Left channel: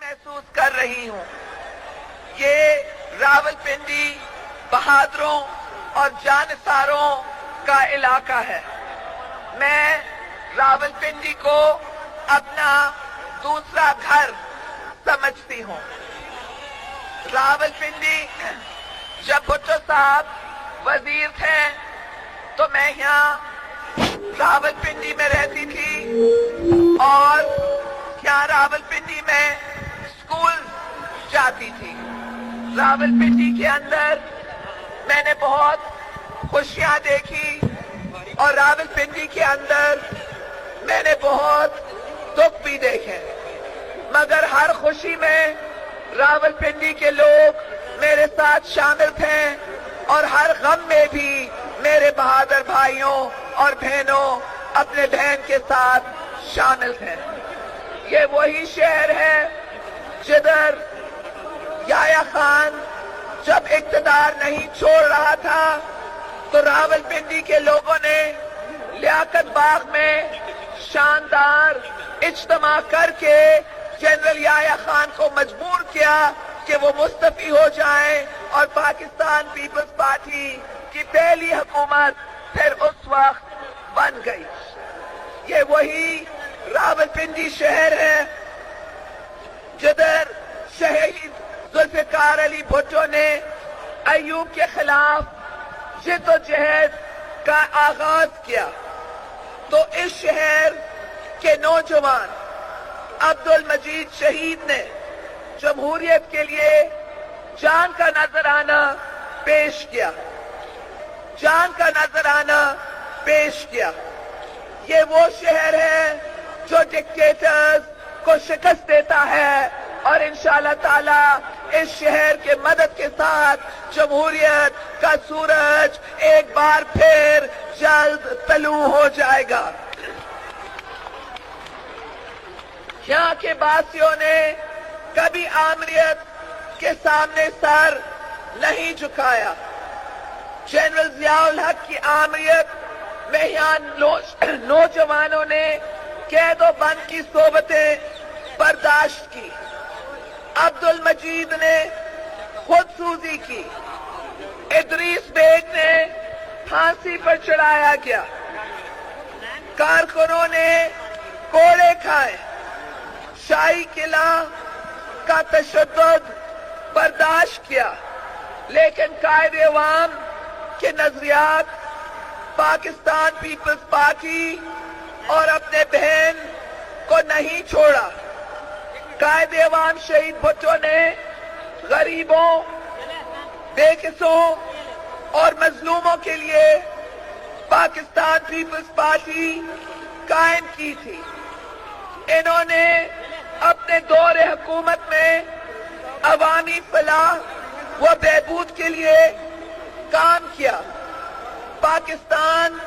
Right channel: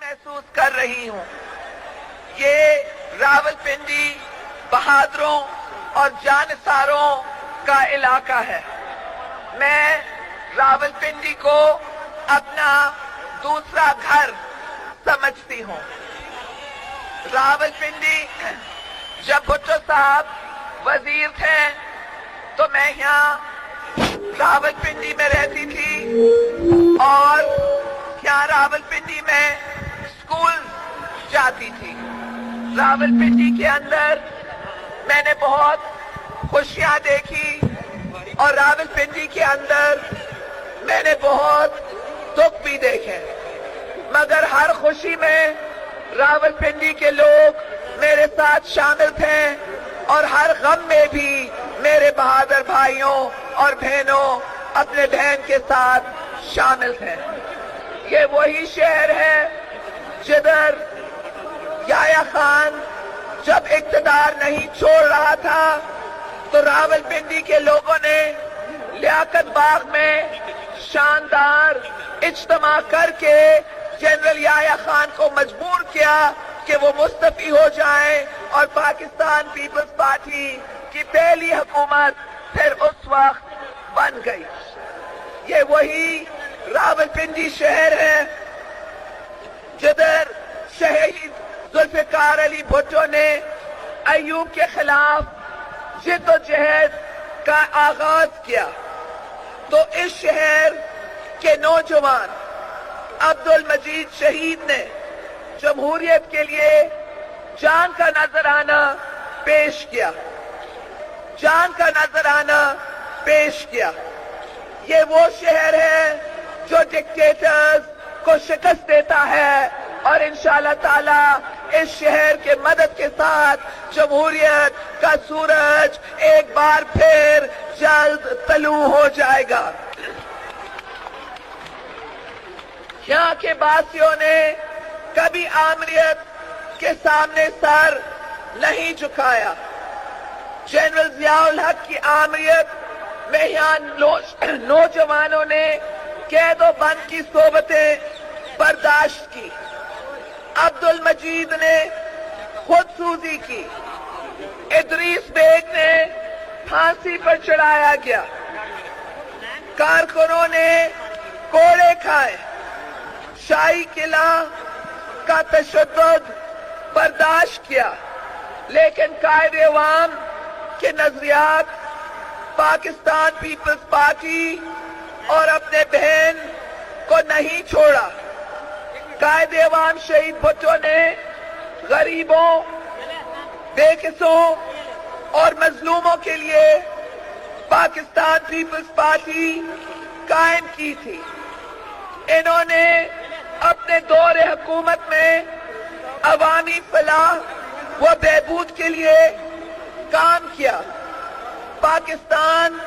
محسوس کر رہی ہوں. یہ راولپنڈی بہادروں اور جانثاروں کا علاقہ ہے. میں راولپنڈی کو اپنا دوسرا گھر سمجھتی ہوں. راولپنڈی جب بھٹو صاحب وزیر تھے تو میں یہاں راولپنڈی میں رہتی تھی اور یہاں راولپنڈی میں اسکول جاتی تھی. راولپنڈی کے اندر میں نے بہت خوشیاں دیکھی اور راولپنڈی کے اندر میں نے بہت دکھ بھی دیکھے، مگر ہر خوشی میں راولپنڈی کے لوگ میرے ساتھ شامل تھے اور ہر غم میں بھی میرے بہادر بھائیوں اور بہنوں اپنے بہن کے ساتھ شامل تھے. یہ وہی شہر ہے جدھر یحییٰ خان جب اقتدار نہیں چھوڑ رہا تھا تو راولپنڈی کے لوگوں نے لیاقت باغ میں شاندار اجتماع کر کے جنرل یحییٰ خان کو مجبور کیا کہ وہ مستعفی ہو جائیں اور پاکستان پیپلز پارٹی کی پہلی حکومت پھر اس وقت بن گئی. یہ وہی راولپنڈی شہر ہے جدھر شہید ذوالفقار علی بھٹو نے ایوب کے خلاف جد و جہد کا آغاز کیا. تو اس شہر کے نوجوان عبدالمجید شہید نے جمہوریت کے لیے جان کا نذرانہ پیش کیا. یہ وہ شہر ہے جو ڈکٹیٹرز کو شکست دیتا ہے اور انشاءاللہ تعالی اس شہر کے مدد کے ساتھ جمہوریت کا سورج ایک بار پھر جلد طلوع ہو جائے گا. یہاں کے باسیوں نے کبھی آمریت کے سامنے سر نہیں جھکایا. جنرل ضیاء الحق کی آمریت میں یہاں نوجوانوں نے قید و بند کی صحبتیں برداشت کی. عبدالمجید نے خود سوزی کی. ادریس بیگ نے پھانسی پر چڑھایا گیا. کارکنوں نے کوڑے کھائے. شاہی قلعہ کا تشدد برداشت کیا، لیکن قائد عوام کے نظریات پاکستان پیپلز پارٹی اور اپنے بہن کو نہیں چھوڑا. قائد عوام شہید بھٹو نے غریبوں، بے قصوں اور مظلوموں کے لیے پاکستان پیپلز پارٹی قائم کی تھی. انہوں نے اپنے دور حکومت میں عوامی فلاح و بہبود کے لیے کام کیا. پاکستان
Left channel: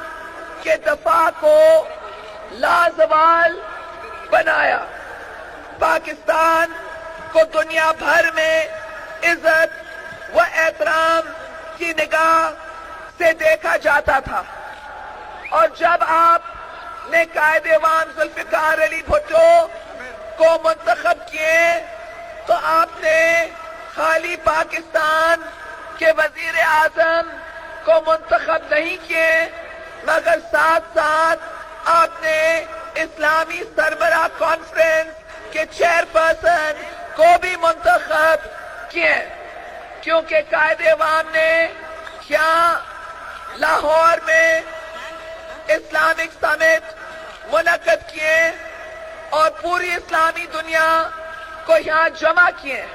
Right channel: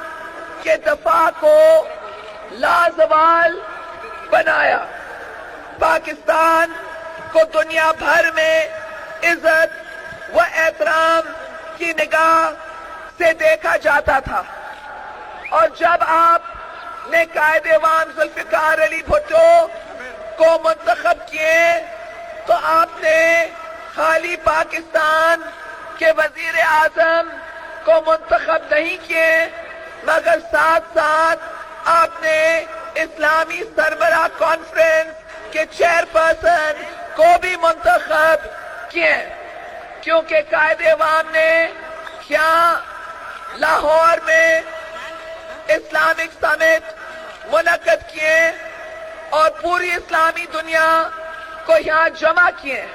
کے دفاع کو لازوال بنایا. پاکستان کو دنیا بھر میں عزت و احترام کی نگاہ سے دیکھا جاتا تھا. اور جب آپ نے قائد عوام ذوالفقار علی بھٹو کو منتخب کیے تو آپ نے خالی پاکستان کے وزیر اعظم کو منتخب نہیں کیے، مگر ساتھ ساتھ آپ نے اسلامی سربراہ کانفرنس کے چیئرپرسن کو بھی منتخب کیے. کیونکہ قائد عوام نے کیا لاہور میں اسلامک سمٹ منعقد کیے اور پوری اسلامی دنیا کو یہاں جمع کیے.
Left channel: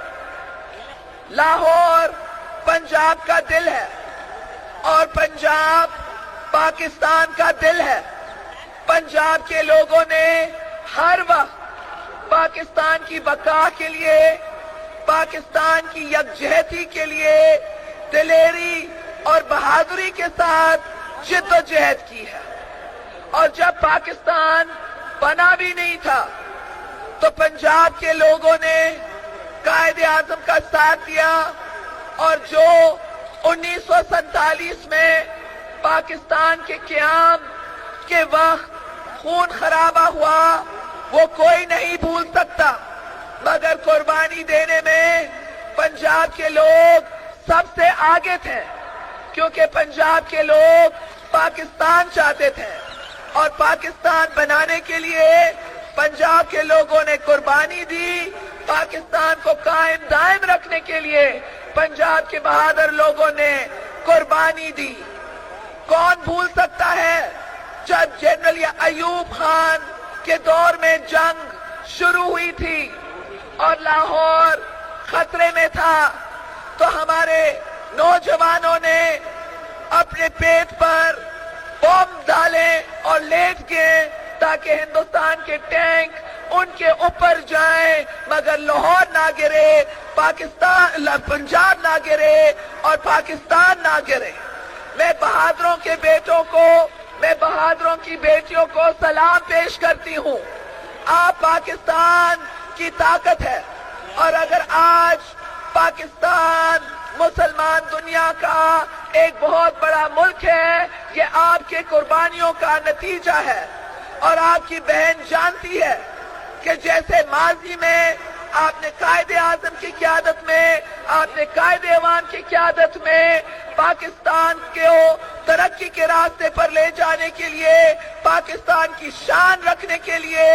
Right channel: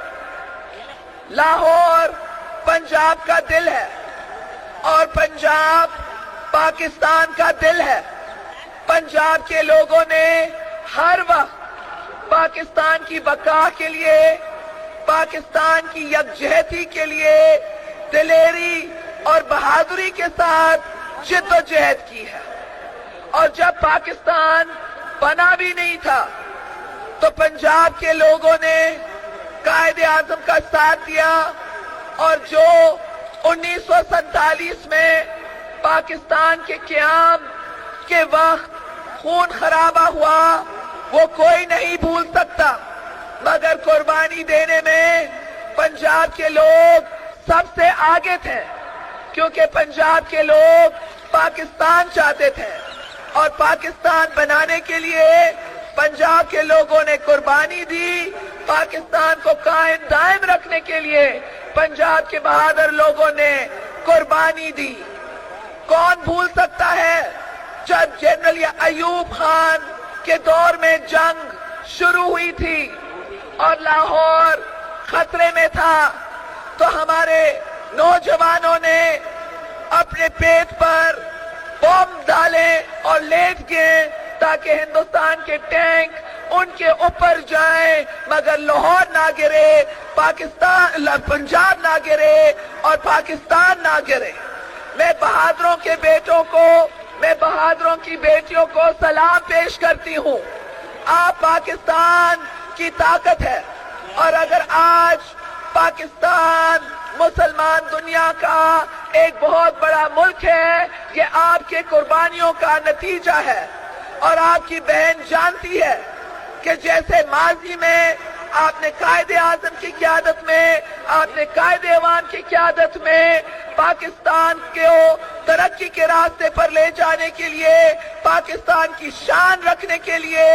لاہور پنجاب کا دل ہے اور پنجاب پاکستان کا دل ہے. پنجاب کے لوگوں نے ہر وقت پاکستان کی بقا کے لیے، پاکستان کی یکجہتی کے لیے دلیری اور بہادری کے ساتھ جد و جہد کی ہے. اور جب پاکستان بنا بھی نہیں تھا تو پنجاب کے لوگوں نے قائد اعظم کا ساتھ دیا اور جو 1947 میں پاکستان کے قیام کے وقت خون خرابہ ہوا وہ کوئی نہیں بھول سکتا، مگر قربانی دینے میں پنجاب کے لوگ سب سے آگے تھے، کیونکہ پنجاب کے لوگ پاکستان چاہتے تھے اور پاکستان بنانے کے لیے پنجاب کے لوگوں نے قربانی دی۔ پاکستان کو قائم دائم رکھنے کے لیے پنجاب کے بہادر لوگوں نے قربانی دی۔ کون بھول سکتا ہے جب جنرل ایوب خان کے دور میں جنگ شروع ہوئی تھی اور لاہور خطرے میں تھا، تو ہمارے نوجوانوں نے اپنے پیٹ پر بم ڈالے اور لیٹ گئے تاکہ ہندوستان کے ٹینک ان کے اوپر جائیں، مگر لاہور نہ گرے، پنجاب نہ گرے اور پاکستان نہ گرے۔ میں بہادروں کے بیٹوں کو، میں بہادروں کی بیٹیوں کو سلام پیش کرتی ہوں۔ آپ پاکستان کی طاقت ہے، اور اگر آج پاکستان مسلمان دنیا کا ایک بہت بڑا ملک ہے، یہ آپ کے قربانیوں کا نتیجہ ہے۔ اور آپ کی بہن جانتی ہے کہ جیسے ماضی میں آپ نے قائد اعظم کی قیادت میں، آپ نے قائد عوام کی قیادت میں پاکستان کو ترقی کے راستے پر لے جانے کے لیے، پاکستان کی شان رکھنے کے لیے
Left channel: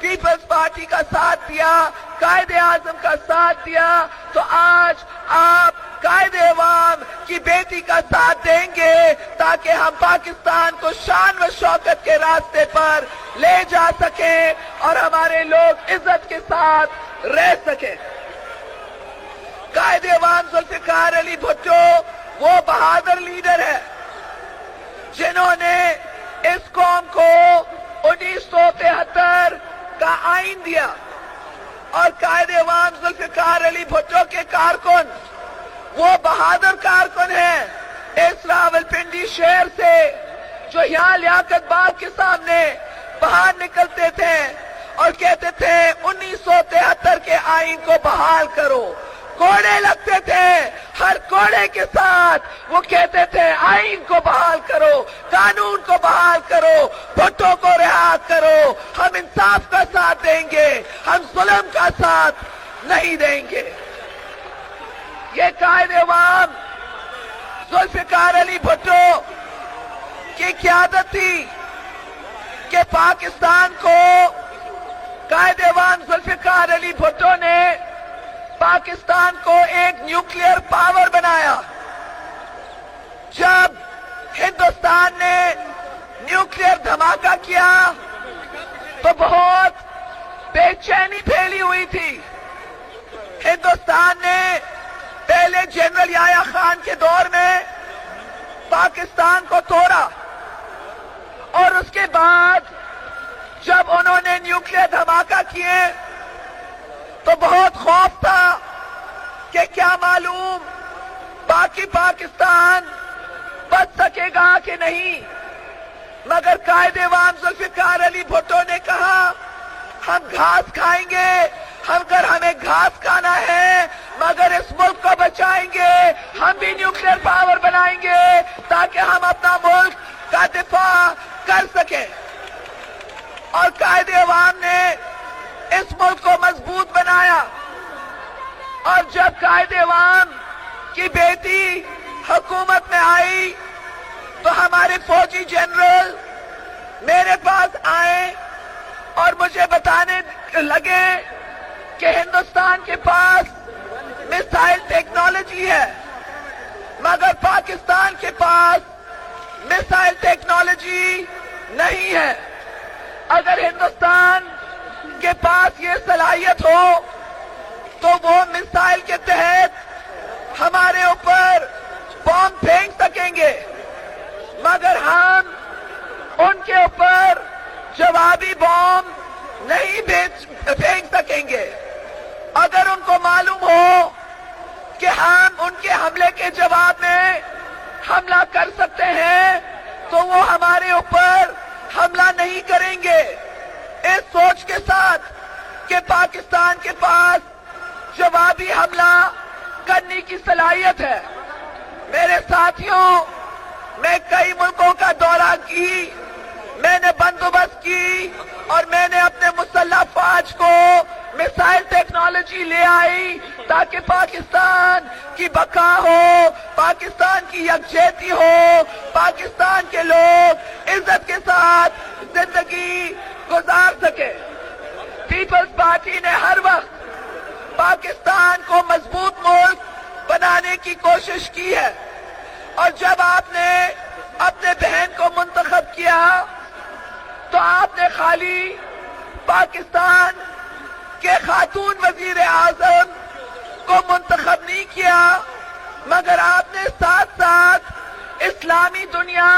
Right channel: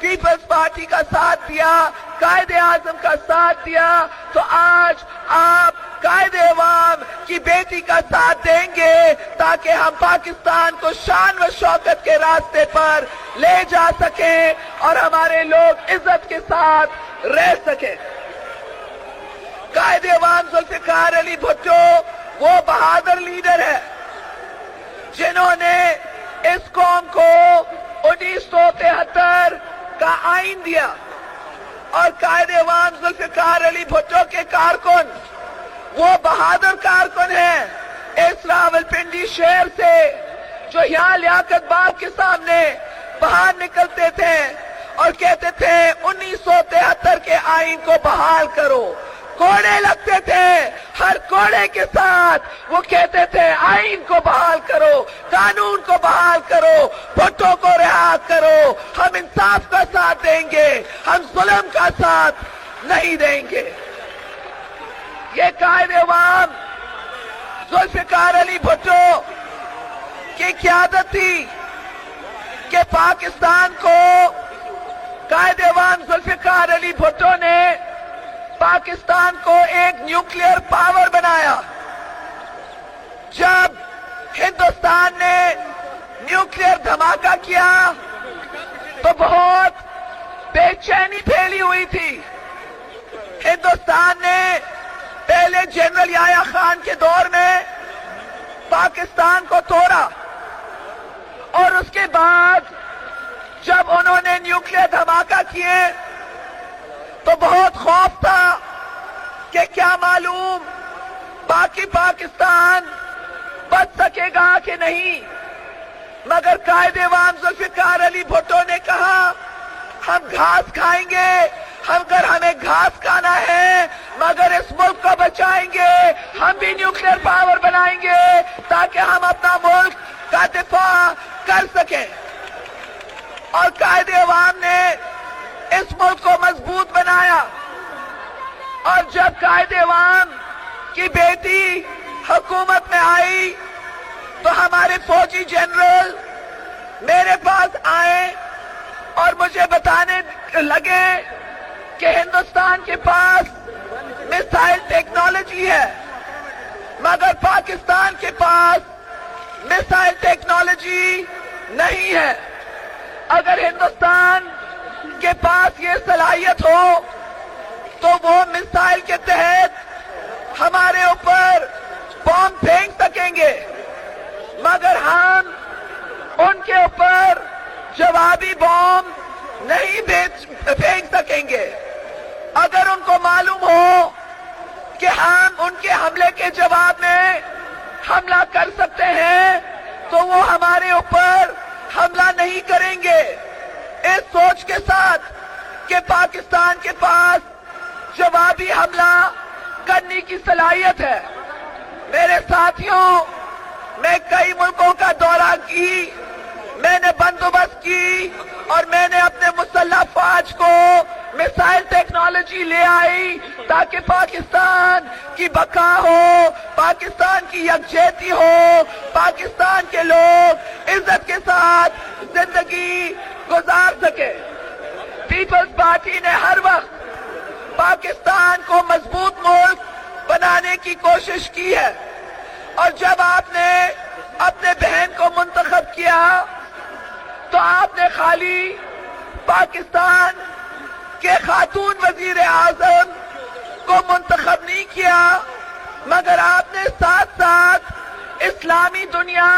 پیپلز پارٹی کا ساتھ دیا، قائد اعظم کا ساتھ دیا، تو آج آپ قائد عوام کی بیٹی کا ساتھ دیں گے تاکہ ہم پاکستان کو شان و شوکت کے راستے پر لے جا سکیں اور ہمارے لوگ عزت کے ساتھ رہ سکیں۔ قائد عوام ذوالفقار علی بھٹو وہ بہادر لیڈر ہے جنہوں نے اس قوم کو 1973 کا آئین دیا، اور قائد عوام ذوالفقار علی بھٹو کے کارکن وہ بہادر کارکن ہیں اس راولپنڈی شہر سے، جو یہاں لیاقت باغ کے سامنے باہر نکلتے تھے اور کہتے تھے 1973 کے آئین کو بحال کرو۔ کوڑے لگتے تھے، ہر کوڑے کے ساتھ وہ کہتے تھے آئین کو بحال کرو، قانون کو بحال کرو، بھٹو کو رہا کرو، ہم انصاف کا ساتھ دیں گے، ہم ظلم کا ساتھ نہیں دیں گے۔ یہ قائد عوام ذوالفقار علی بھٹو کی قیادت تھی کہ پاکستان کو قائد عوام ذوالفقار علی بھٹو نے پاکستان کو ایک نیوکلیئر پاور بنایا۔ جب ہندوستان نے نیوکلیئر دھماکہ کیا تو بہت بے چینی پھیلی ہوئی تھی۔ ہندوستان نے پہلے جنرل یحییٰ خان کے دور میں پاکستان کو توڑا، اور اس کے بعد جب انہوں نے نیوکلیئر دھماکہ کیے تو بہت خوف تھا کہ کیا معلوم باقی پاکستان بچ سکے گا کہ نہیں، مگر قائد عوام ذوالفقار علی بھٹو نے کہا ہم گھاس کھائیں گے، اگر ہمیں گھاس کھانا ہے مگر اس ملک کو بچائیں گے، ہم بھی نیوکلیئر پاور بنائیں گے تاکہ ہم اپنا ملک کا دفاع کر سکیں۔ اور قائد عوام نے اس ملک کو مضبوط بنایا، اور جب قائد عوام کی بیٹی حکومت میں آئی تو ہمارے فوجی جنرل میرے پاس آئے اور مجھے بتانے لگے کہ ہندوستان کے پاس میزائل ٹیکنالوجی ہے، مگر پاکستان کے پاس میزائل ٹیکنالوجی نہیں ہے۔ اگر ہندوستان کے پاس یہ صلاحیت ہو تو وہ میزائل کے تحت ہمارے اوپر بم پھینک سکیں گے، مگر ہم ان کے اوپر جوابی بم نہیں پھینک سکیں گے۔ اگر ان کو معلوم ہو کہ ہم ان کے حملے کے جواب میں حملہ کر سکتے ہیں تو وہ ہمارے اوپر حملہ نہیں کریں گے، اس سوچ کے ساتھ کہ پاکستان کے پاس جوابی حملہ کرنے کی صلاحیت ہے۔ میرے ساتھیوں، میں کئی ملکوں کا دورہ کی، میں نے بندوبست کی اور میں نے اپنے مسلح فوج کو میسائل ٹیکنالوجی لے آئی تاکہ پاکستان کی بقا ہو، پاکستان کی یکجہتی ہو، پاکستان کے لوگ عزت کے ساتھ زندگی گزار سکے۔ پیپلز پارٹی نے ہر وقت پاکستان کو مضبوط ملک بنانے کی کوشش کی ہے، اور جب آپ نے اپنے بہن کو منتخب کیا تو آپ نے خالی پاکستان کے خاتون وزیر اعظم کو منتخب نہیں کیا، مگر آپ نے ساتھ ساتھ اسلامی دنیا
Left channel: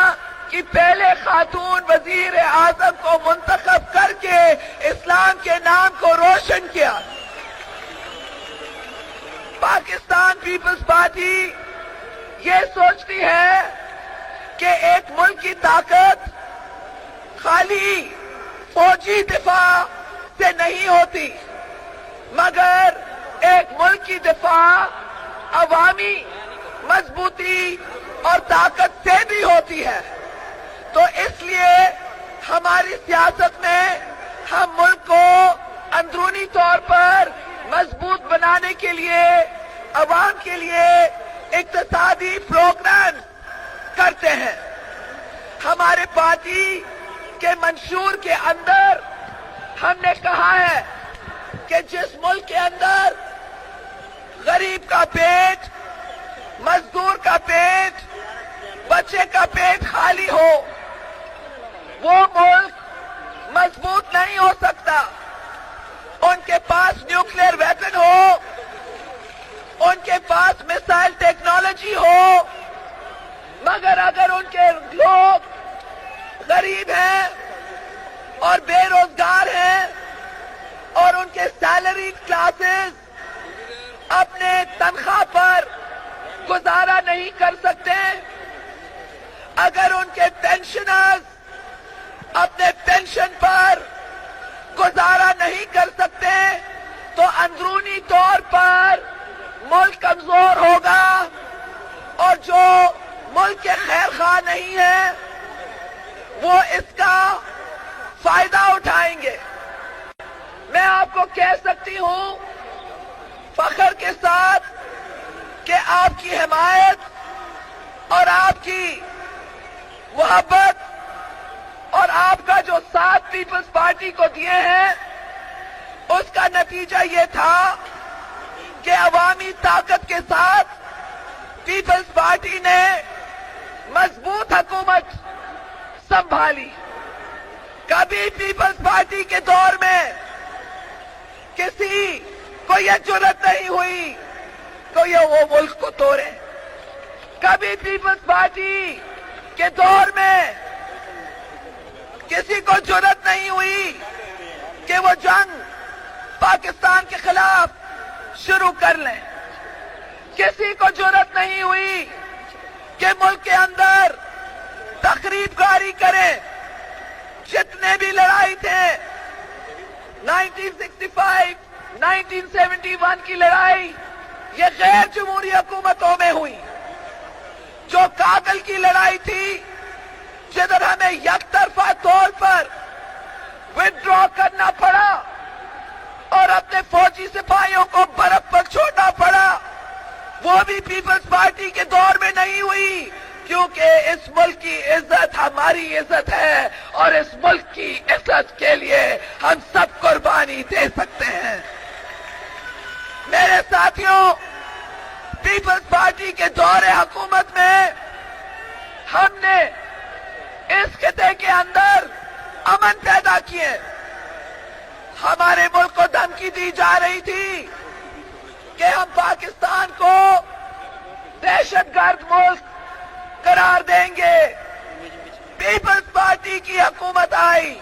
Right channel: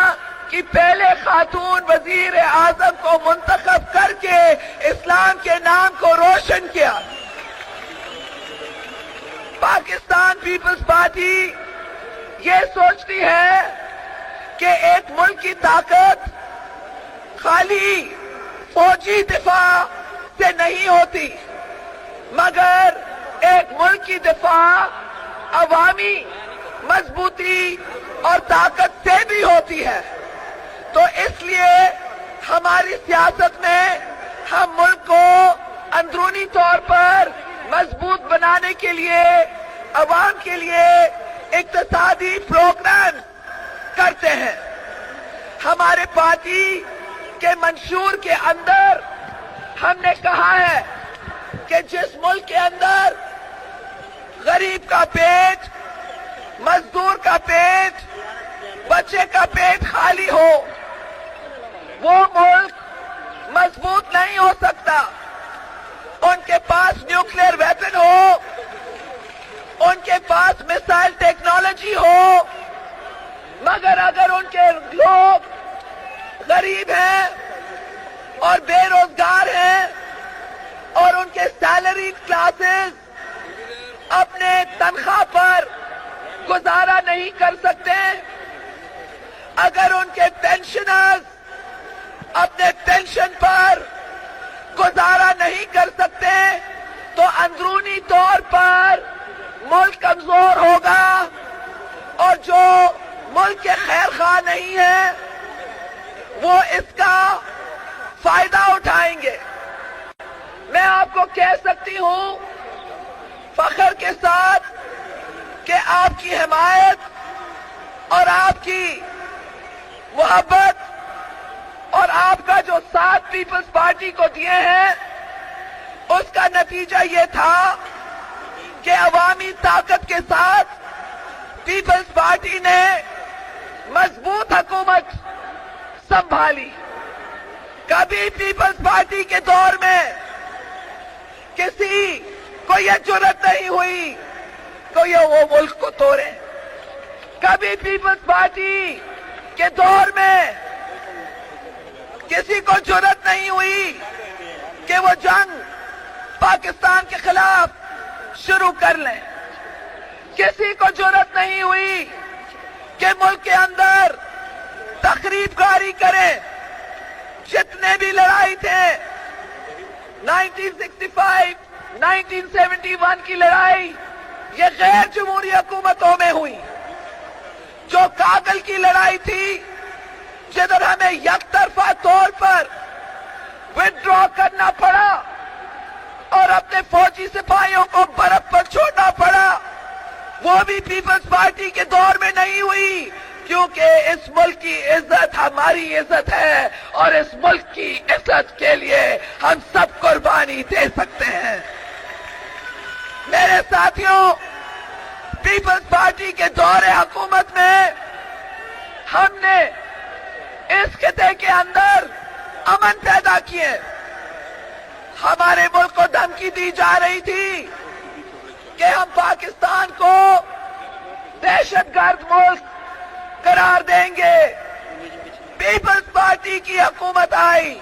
کی پہلے خاتون وزیر اعظم کو منتخب کر کے اسلام کے نام کو روشن کیا۔ پاکستان پیپلز پارٹی یہ سوچتی ہے کہ ایک ملک کی طاقت خالی فوجی دفاع سے نہیں ہوتی، مگر ایک ملک کی دفاع عوامی مضبوطی اور طاقت سے بھی ہوتی ہے۔ تو اس لیے ہماری سیاست میں ہم ملک کو اندرونی طور پر مضبوط بنانے کے لیے، عوام کے لیے اقتصادی پروگرام کرتے ہیں۔ ہمارے پارٹی کے منشور کے اندر ہم نے کہا ہے کہ جس ملک کے اندر غریب کا پیٹ، مزدور کا پیٹ، بچے کا پیٹ خالی ہو، وہ ملک مضبوط نہیں ہو سکتا۔ ان کے پاس نیوکلیئر ویپن ہو، ان کے پاس میسائل ٹیکنالوجی ہو، مگر اگر ان کے لوگ غریب ہیں اور بے روزگار ہیں اور ان کے سیلری کلاسز اپنے تنخواہ پر گزارا نہیں کر سکتے، اگر ان کے پینشنرز اپنے پینشن پر گزارا نہیں کر سکتے، تو اندرونی طور پر ملک کمزور ہوگا، اور جو ملک کے خیر خواہ نہیں ہیں وہ اس کا فائدہ اٹھائیں گے۔ میں آپ کو کہہ سکتی ہوں فخر کے ساتھ کہ آپ کی حمایت اور آپ کی محبت اور آپ کا جو ساتھ پیپلز پارٹی کو دیے ہیں، اس کا نتیجہ یہ تھا کہ عوامی طاقت کے ساتھ پیپلز پارٹی نے مضبوط حکومت سنبھالی۔ کبھی پیپلز پارٹی کے دور میں کسی کو یہ جرأت نہیں ہوئی کہ یہ وہ ملک کو توڑے۔ کبھی پیپلز پارٹی کے دور میں کسی کو جرأت نہیں ہوئی کہ وہ جنگ پاکستان کے خلاف شروع کر لیں۔ کسی کو جرأت نہیں ہوئی کہ ملک کے اندر تخریب کاری کریں۔ جتنے بھی لڑائی تھے، 1965، 1971 کی لڑائی، یہ غیر جمہوری حکومتوں میں ہوئی۔ جو کابل کی لڑائی تھی، جدھر ہمیں یک طرفہ طور پر وڈرا کرنا پڑا اور اپنے فوجی سپاہیوں کو برف پر چھوڑنا پڑا، وہ بھی پیپلز پارٹی کے دور میں نہیں ہوئی، کیونکہ اس ملک کی عزت ہماری عزت ہے، اور اس ملک کی عزت کے لیے ہم سب قربانی دے سکتے ہیں۔ میرے ساتھیوں، پیپلز پارٹی کے دور حکومت میں ہم نے اس خطے کے اندر امن پیدا کیے۔ ہمارے ملک کو دھمکی دی جا رہی تھی کہ ہم پاکستان کو دہشت گرد ملک قرار دیں گے۔ پیپلز پارٹی کی حکومت آئی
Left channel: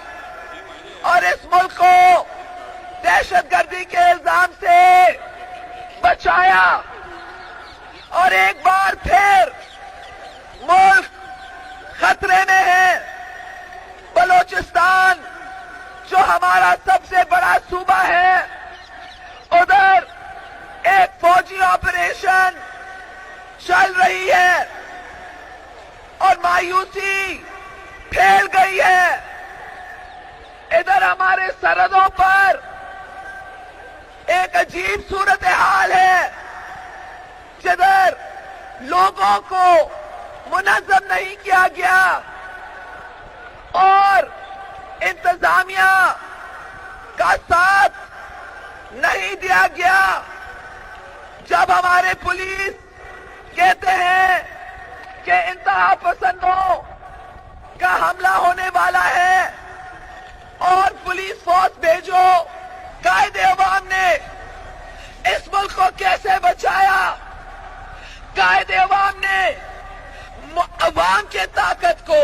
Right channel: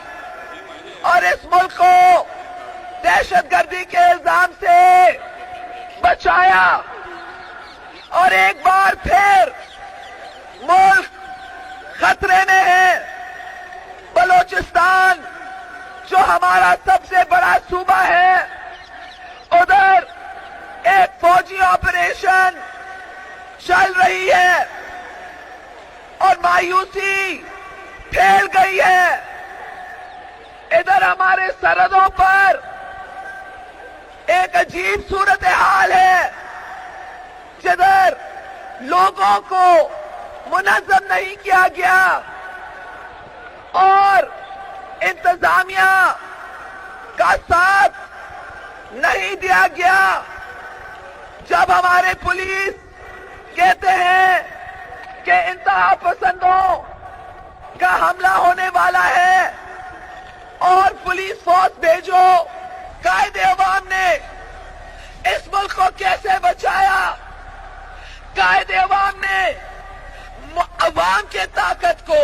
اور اس ملک کو دہشت گردی کے الزام سے بچایا، اور ایک بار پھر ملک خطرے میں ہے۔ بلوچستان جو ہمارا سب سے بڑا صوبہ ہے، ادھر ایک فوجی آپریشن چل رہی ہے اور مایوسی پھیل گئی ہے۔ ادھر ہمارے سرحدوں پر ایک عجیب صورتحال ہے جدھر لوگوں کو منظم نہیں کیا گیا اور انتظامیہ کا ساتھ نہیں دیا گیا. جب ہمارے پولیس کہتے ہیں کہ انتہا پسندوں کا حملہ ہونے والا ہے اور پولیس فورس بھیجو، قائد عوام نے اس ملک کو کیسے بچایا؟ قائد عوام نے عوام کے طاقت کو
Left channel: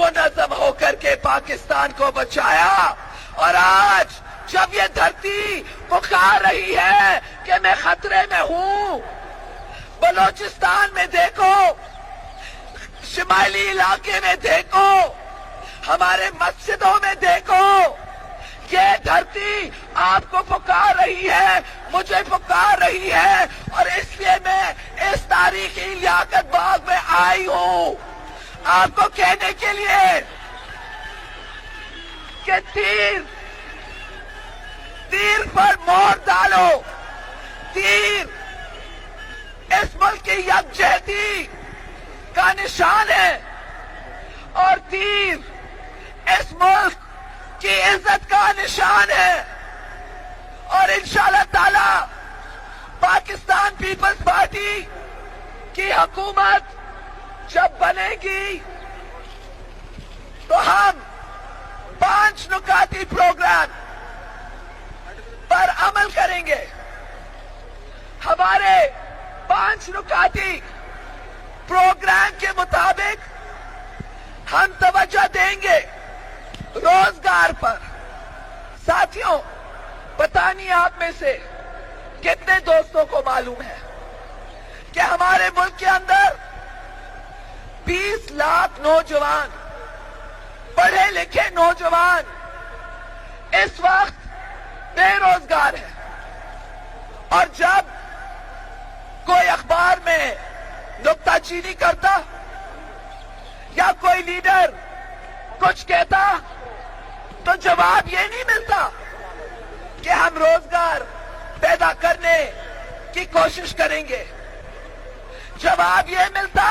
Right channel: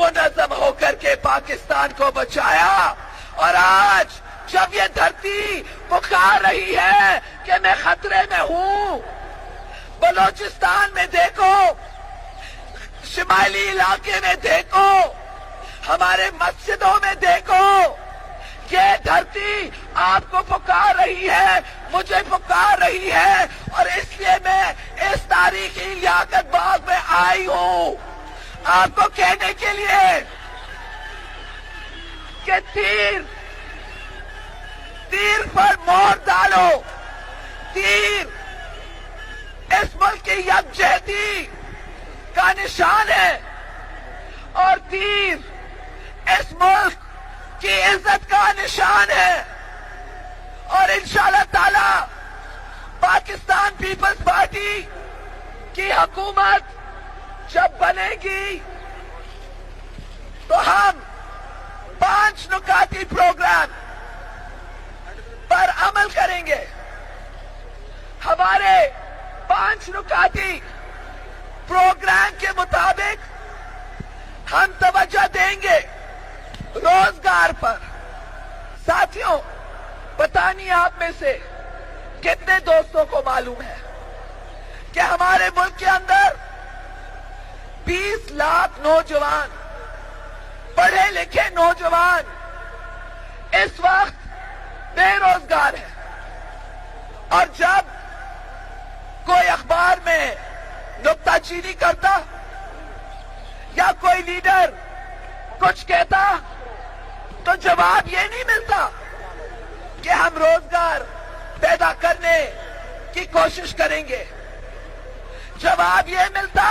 منظم ہو کر کے پاکستان کو بچایا. اور آج جب یہ دھرتی پکار رہی ہے کہ میں خطرے میں ہوں، بلوچستان میں دیکھو، شمالی علاقے میں دیکھو، ہمارے مسجدوں میں دیکھو، یہ دھرتی آپ کو پکار رہی ہے، مجھے پکار رہی ہے. اور اس لیے میں اس تاریخی لیاقت باغ میں آئی ہوں آپ کو کہنے کے لیے کہ تیر پر مور ڈالو. تیر اس ملک کی یکجہتی کا نشان ہے اور تیر اس ملک کی عزت کا نشان ہے. اور انشاءاللہ تعالی پاکستان پیپلز پارٹی کی حکومت جب بنے گی تو ہم 5 نکاتی پروگرام پر عمل کریں گے. ہمارے 5 نکاتی پروگرام کے مطابق ہم توجہ دیں گے روزگار پر. ساتھیوں، پتہ نہیں آپ میں سے کتنے دوستوں کو معلوم ہے کہ ہمارے ملک کے اندر 20 لاکھ نوجوان، پڑھے لکھے نوجوان اس وقت بے روزگار ہیں. اور جب کوئی اخبار میں نکتہ چینی کرتا یا کوئی لیڈر کچھ کہتا تو جواب یہ نہیں ملتا کہ ہم روزگار پیدا کرنے کی کوشش کریں گے. جواب یہ ملتا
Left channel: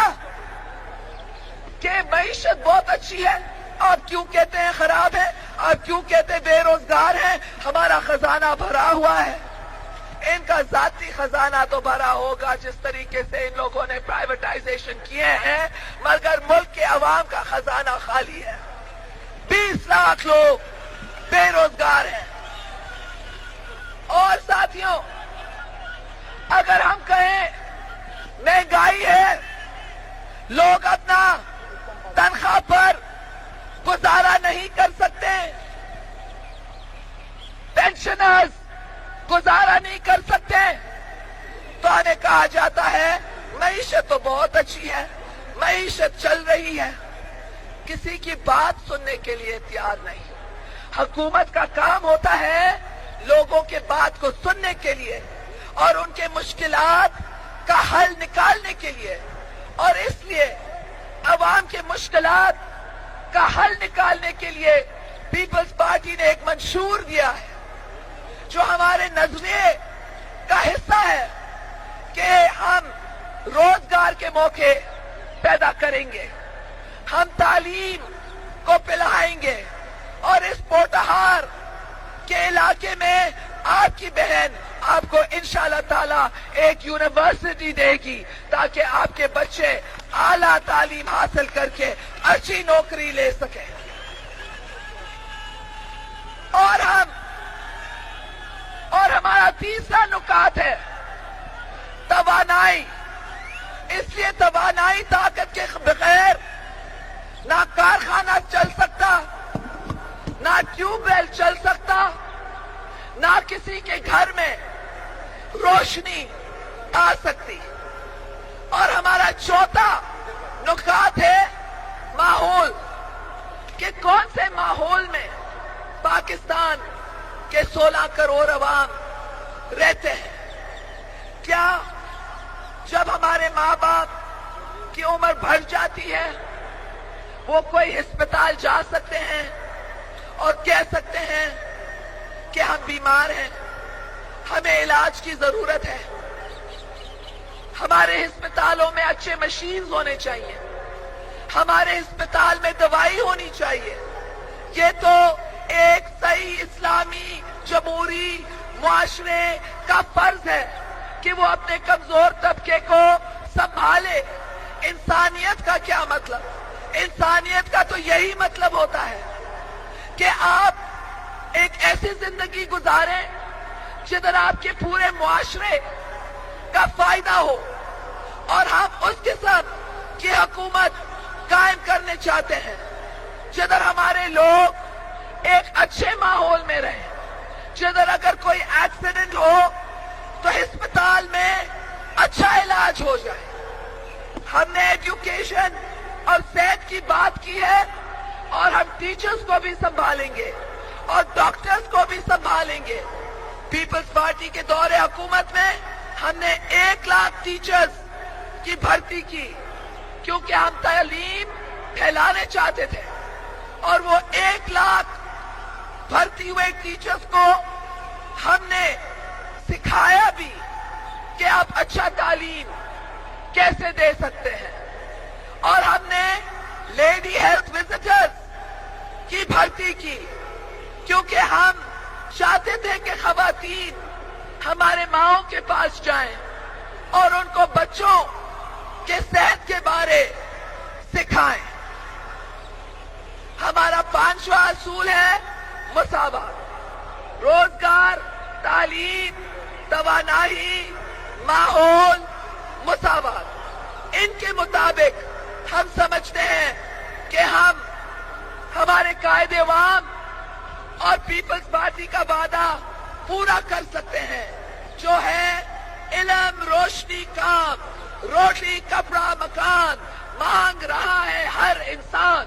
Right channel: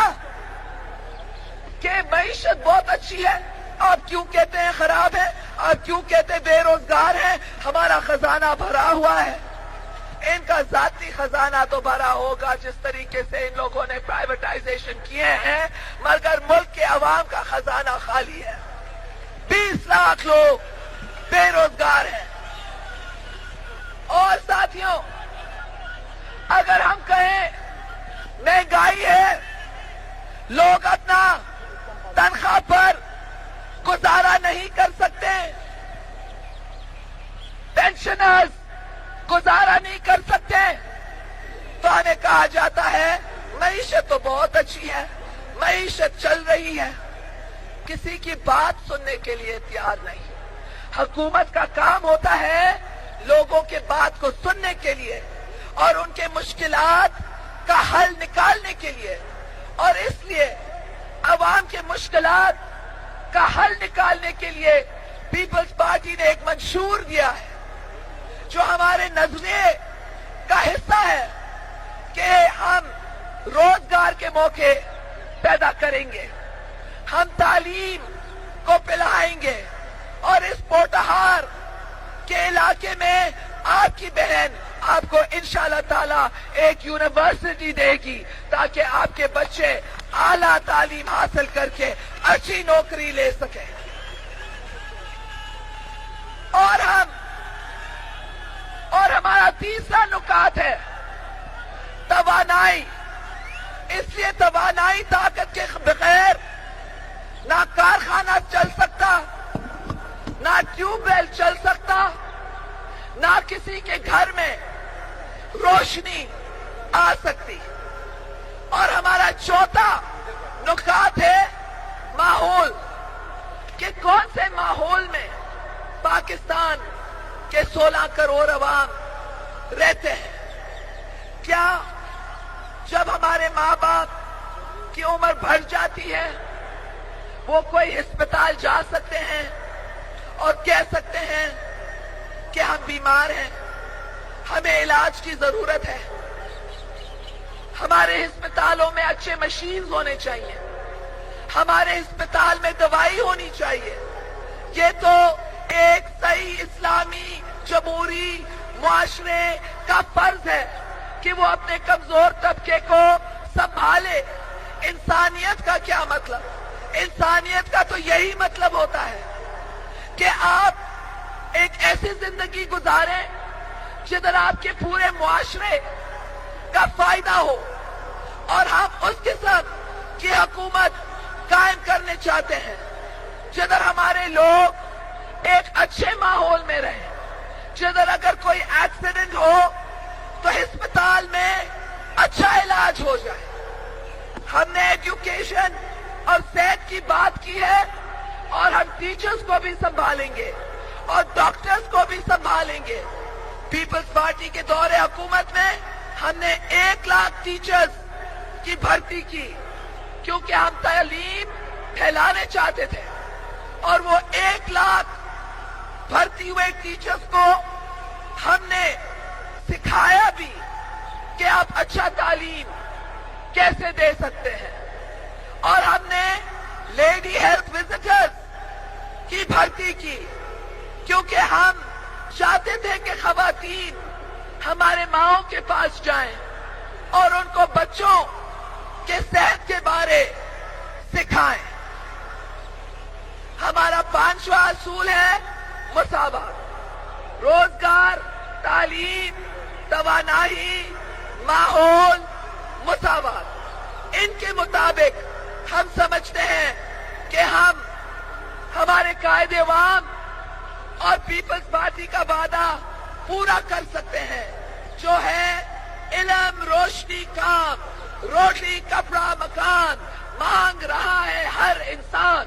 کہ معیشت بہت اچھی ہے، آپ کیوں کہتے ہیں خراب ہے، آپ کیوں کہتے ہیں بے روزگار ہے، ہمارا خزانہ بھرا ہوا ہے. ان کا ذاتی خزانہ تو بھرا ہوگا جس طریقے سے ان لوگوں نے پرائیویٹائزیشن کیے ہیں، مگر ملک کے عوام کا خزانہ خالی ہے. 20 لاکھ لوگ بے روزگار ہیں. اور ساتھیوں، اگر ہم کہیں مہنگائی ہے، لوگ اپنا تنخواہ پر گزارا نہیں کر سکتے، پینشنرز گزارا نہیں کر سکتے، تو ہمیں کہا جاتا ہے معیشت تو بہت اچھی ہے، معیشت چل رہی ہے. کسی کی بات سننے کے لیے تیار نہیں. حکومت کا کام ہوتا ہے لوگوں کے بات کو سننے کے لیے اور ان کے مشکلات کا حل نکالنے کے لیے. اور اس لیے عوام کے مشکلات کا حل نکالنے کے لیے پیپلز پارٹی نے ایک منشور دیا ہے جو ہمارے نظریے کا حصہ ہے کہ ہم روزگار کے موقع پیدا کریں گے، ہم تعلیم کو پلائیں گے. اور اس پوٹہار کے علاقے میں آپ کی بہن آپ کو انشاءاللہ تعالی ایک یونیورسٹی دے گی تاکہ آپ کے بچے اعلیٰ تعلیم حاصل کر کے اچھی نوکری لے سکیں. اور ہمارا تیسرا نکات ہے توانائی. اس لیے توانائی طاقت کے بغیر نہ کارخانہ چل سکتا، نہ ٹیوب ویل چل سکتا، نہ کسی کے گھر میں روشنی آ سکتی. اور ہمارا چوتھا نکات ہے ماحول، کہ کون سے ماحول میں پاکستان کے 16 کروڑ عوام رہتے ہیں. کیا جب ہمارے ماں باپ کی عمر بڑھ جاتی ہے وہ کوئی ہسپتال جا سکتے ہیں اور کہہ سکتے ہیں کہ ہم بیمار ہیں، ہمیں علاج کی ضرورت ہے، ہمارے ہسپتالوں میں اچھے مشینز ہونے چاہیے، ہمارے ہسپتال میں دوائی ہونی چاہیے. یہ تو ایک صحیح اسلامی جمہوری معاشرے کا فرض ہے کہ وہ اپنے کمزور طبقے کو سنبھالے. انسانیت کا کیا مطلب؟ انسانیت کا تو یہی مطلب ہوتا ہے کہ آپ ایک ایسی زندگی گزاریں جدھر آپ کے پورے معاشرے کا فائدہ ہو. اور ہم اس قسم کی حکومت قائم کرنے چاہتے ہیں جدھر ہمارے لوگ ایک اچھے ماحول میں رہیں، جدھر اگر کوئی ایکسیڈنٹ ہو تو ہسپتال میں اچھا علاج ہو جائے. ہم نے ایجوکیشن اور صحت کی بات کی ہے، اور ہم ٹیچرز کو بھی سنبھالیں گے اور ڈاکٹرز کو بھی سنبھالیں گے. پیپلز پارٹی کے دور حکومت میں ہم نے 1 لاکھ ٹیچرز کی بھرتی کی کیونکہ ہم تعلیم پھیلانے چاہتے تھے، اور وہ 1 لاکھ بھرتی ہوئے ٹیچرز کو ہم نے سکھایا بھی کہ آپ اچھا تعلیم کیسے دے سکتے ہیں. اور ہم نے لیڈی ہیلتھ وزٹرز کی بھرتی کی کیونکہ ہم چاہتے تھے کہ خواتین ہمارے ماؤں کے پاس جائیں اور ان کو بچوں کے صحت کے بارے سکھائیں. ہمارا 5واں اصول ہے مساوات. روزگار، تعلیم، توانائی، ماحول، مساوات. ان کے مطابق ہم سمجھتے ہیں کہ ہم ہمارے قائد عوام اور پیپلز پارٹی کا وعدہ پورا کر سکتے ہیں جو ہے علم، روشنی، کام، روٹی، کپڑا، مکان. مانگ رہا ہے ہر انسان،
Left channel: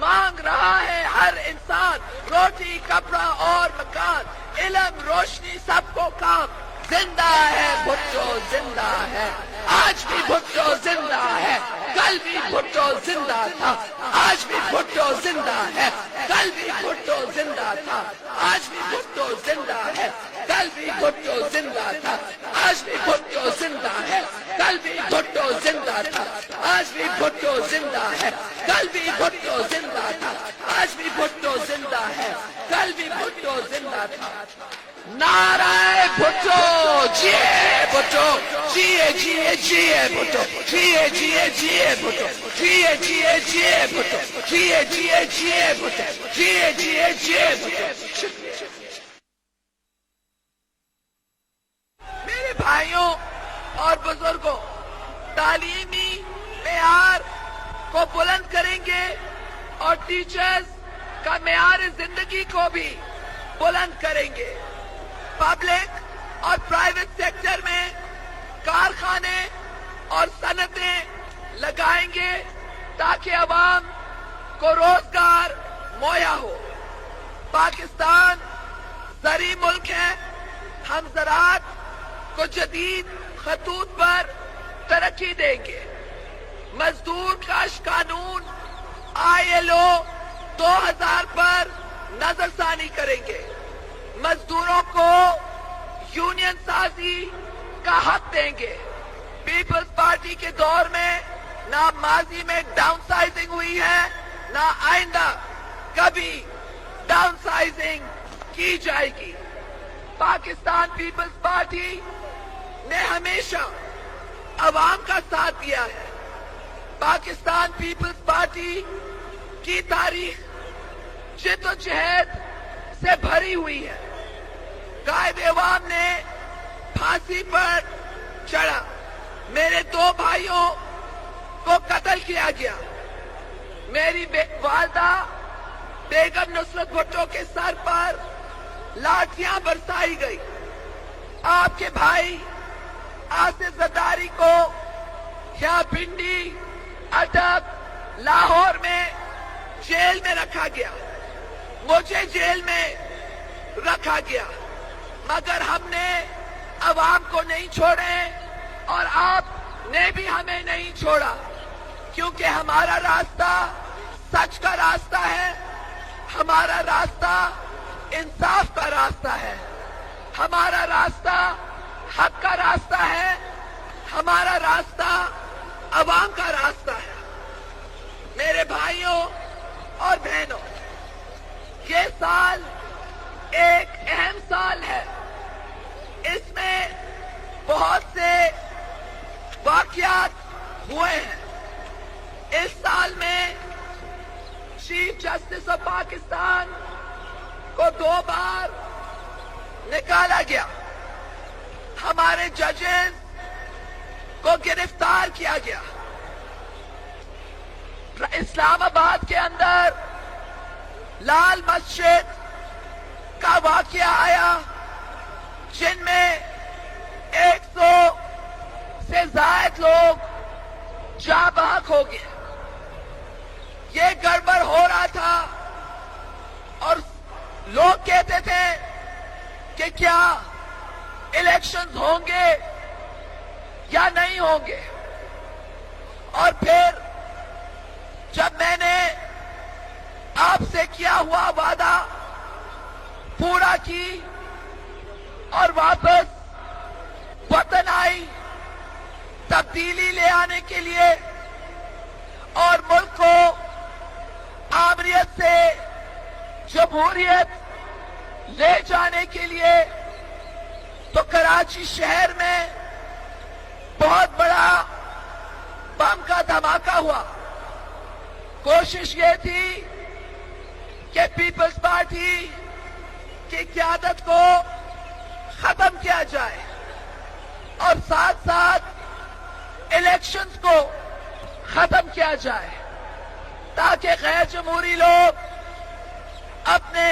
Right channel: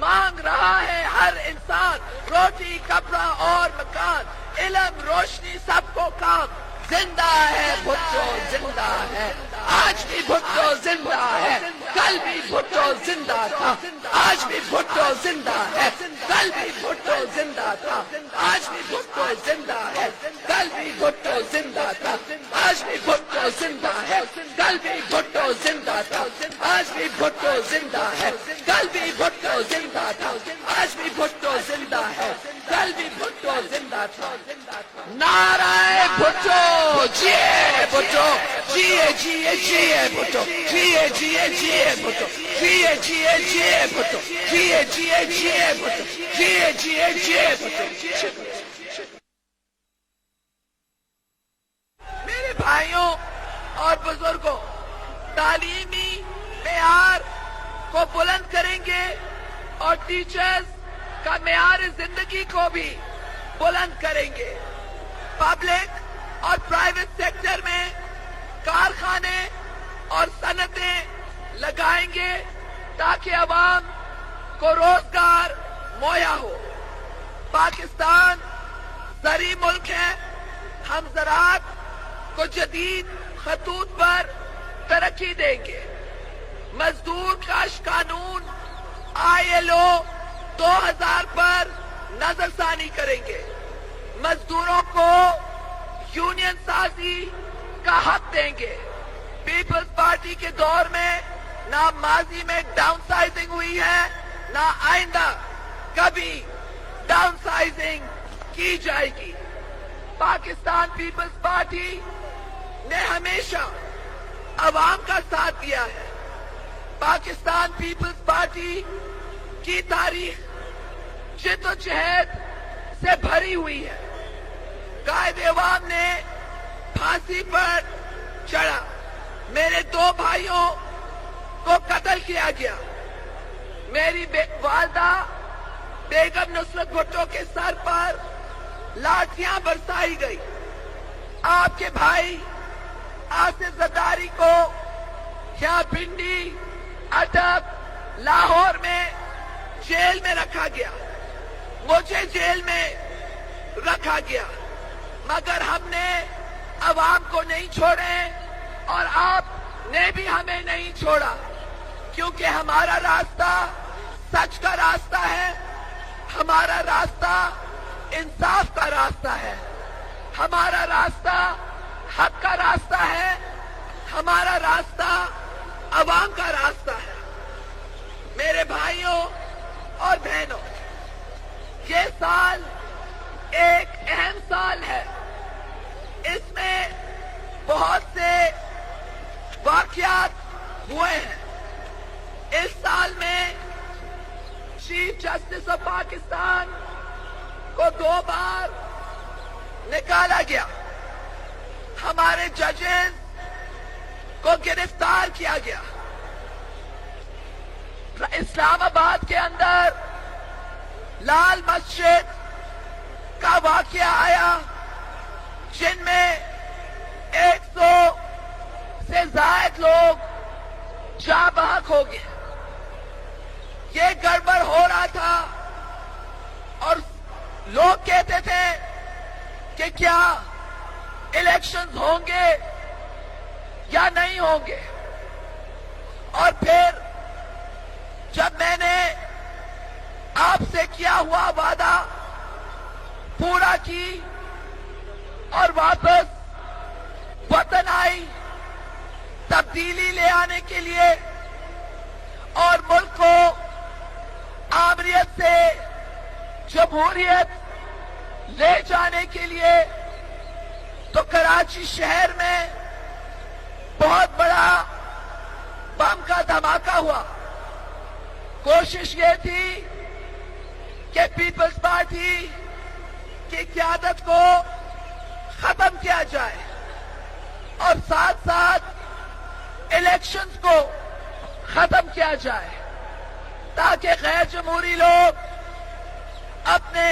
مانگ رہا ہے ہر انسان روٹی، کپڑا اور مکان، علم، روشنی، سب کو کام. زندہ ہے بھٹو، زندہ ہے. آج بھی بھٹو زندہ ہے، کل بھی بھٹو زندہ تھا، آج بھی بھٹو زندہ ہے، کل بھی بھٹو زندہ تھا، آج بھی بھٹو زندہ ہے، کل بھی بھٹو زندہ تھا، آج بھی بھٹو زندہ ہے، کل بھی بھٹو زندہ تھا، آج بھی بھٹو زندہ ہے، کل بھی بھٹو زندہ تھا، آج بھی بھٹو زندہ ہے، کل بھی بھٹو زندہ تھا. نعرہ بھٹو، جیے بھٹو، جیے جیے جیے بھٹو، جیے جیے جیے بھٹو، جیے جیے جیے بھٹو، جیے جیے جیے بھٹو، جیے جیے جیے بھٹو. میرے بھائیوں اور بزرگوں، تعلیمی معیار کو بلند کریں گے اور ٹیچرز کا معیار زندگی کو بھی بلند کریں گے. پبلک اور پرائیویٹ سیکٹر میں کارخانے اور صنعتیں لگائیں گے تاکہ عوام کو روزگار مہیا ہو. پاکستان زرعی ملک ہے، ہم زراعت کو جدید خطوط پر ترقی دیں گے. مزدور کاش قانون ILO 2000 پر نظر ثانی کریں گے. مزدوروں کو یونین سازی کا حق دیں گے. پیپلز پارٹی کے دور میں نہ ماضی میں ڈاؤن سائزنگ ہوئی ہے، نہ آئندہ کبھی ڈاؤن سائزنگ کی جائے گی. پاکستان پیپلز پارٹی نے ہمیشہ عوام کا ساتھ دیا ہے. پاکستان پیپلز پارٹی کی تاریخ جدوجہد سے بھری ہوئی ہے. قائد عوام نے پھانسی پر چڑھا، میرے 2 بھائیوں کو قتل کیا گیا، میری والدہ بیگم نصرت بھٹو کے سر پر لاٹھیاں برسائی گئی. آپ کے بھائی آصف زرداری کو یہاں پنڈی، اٹک، لاہور میں جیل میں رکھا گیا، مجھے جیل میں رکھا گیا، مگر ہم نے عوام کو نہیں چھوڑے اور آپ نے بھی ہمیں نہیں چھوڑا، کیونکہ ہمارا راستہ سچ کا راستہ ہے، ہمارا راستہ انصاف کا راستہ ہے، ہمارا راستہ حق کا راستہ ہے، ہمارا راستہ عوام کا راستہ ہے۔ میرے بھائیوں اور بہنوں، یہ سال ایک اہم سال ہے۔ اس میں بہت سے واقعات ہوئے ہیں۔ اس سال میں چیف جسٹس آف پاکستان کو 2 بار نکالا گیا، ہمارے ججز کو گرفتار کیا گیا۔ اسلام آباد کے اندر لال مسجد کا واقعہ آیا، جن میں 100 سے زائد لوگ جاں بحق ہو گئے۔ یہ گڑبڑ ہو رہا تھا اور لوگ کہتے تھے کہ کیا الیکشنز ہوں گے یا نہیں ہوں گے، اور پھر جب میں نے آپ سے کیا ہوا وعدہ پورا کی اور واپس وطن آئی تبدیلی لے آنے کے لیے اور ملک کو آمریت سے جمہوریت لے جانے کے لیے، تو کراچی شہر میں بہت بڑا بم کا دھماکہ ہوا۔ کوشش یہ تھی کہ پیپلز پارٹی کی قیادت کو ختم کیا جائے اور ساتھ ساتھ الیکشنز کو ختم کیا جائے، تاکہ غیر جمہوری لوگ اپنے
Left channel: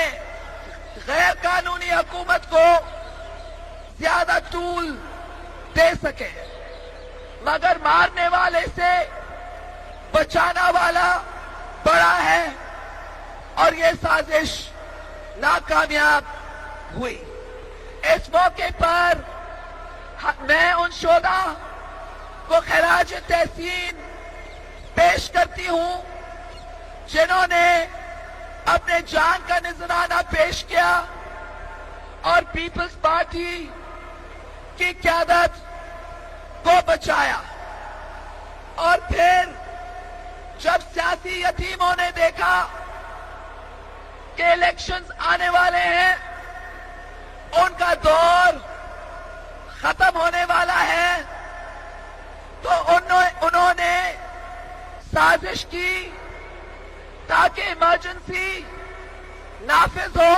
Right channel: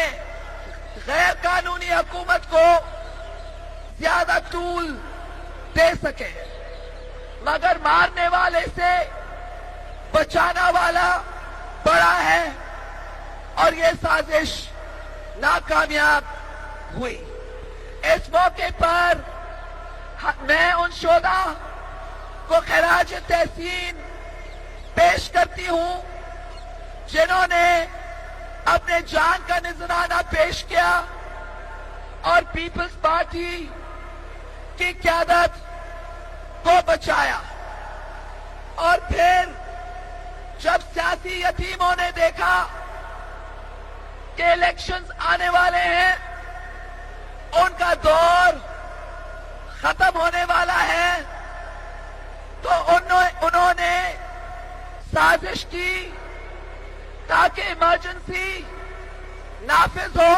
غیر قانونی حکومت کو زیادہ طول دے سکے، مگر مارنے والے سے بچانا والا بڑا ہے، اور یہ سازش ناکامیاب ہوئی۔ اس موقع پر میں ان شہداء کو خراج تحسین پیش کرتی ہوں جنہوں نے اپنے جان کا نذرانہ پیش کیا اور پیپلز پارٹی کی قیادت کو بچایا۔ اور پھر جب سیاسی یتیموں نے دیکھا کہ الیکشنز آنے والے ہیں، ان کا دور ختم ہونے والا ہے، تو انہوں نے سازش کی تاکہ ایمرجنسی نافذ ہو،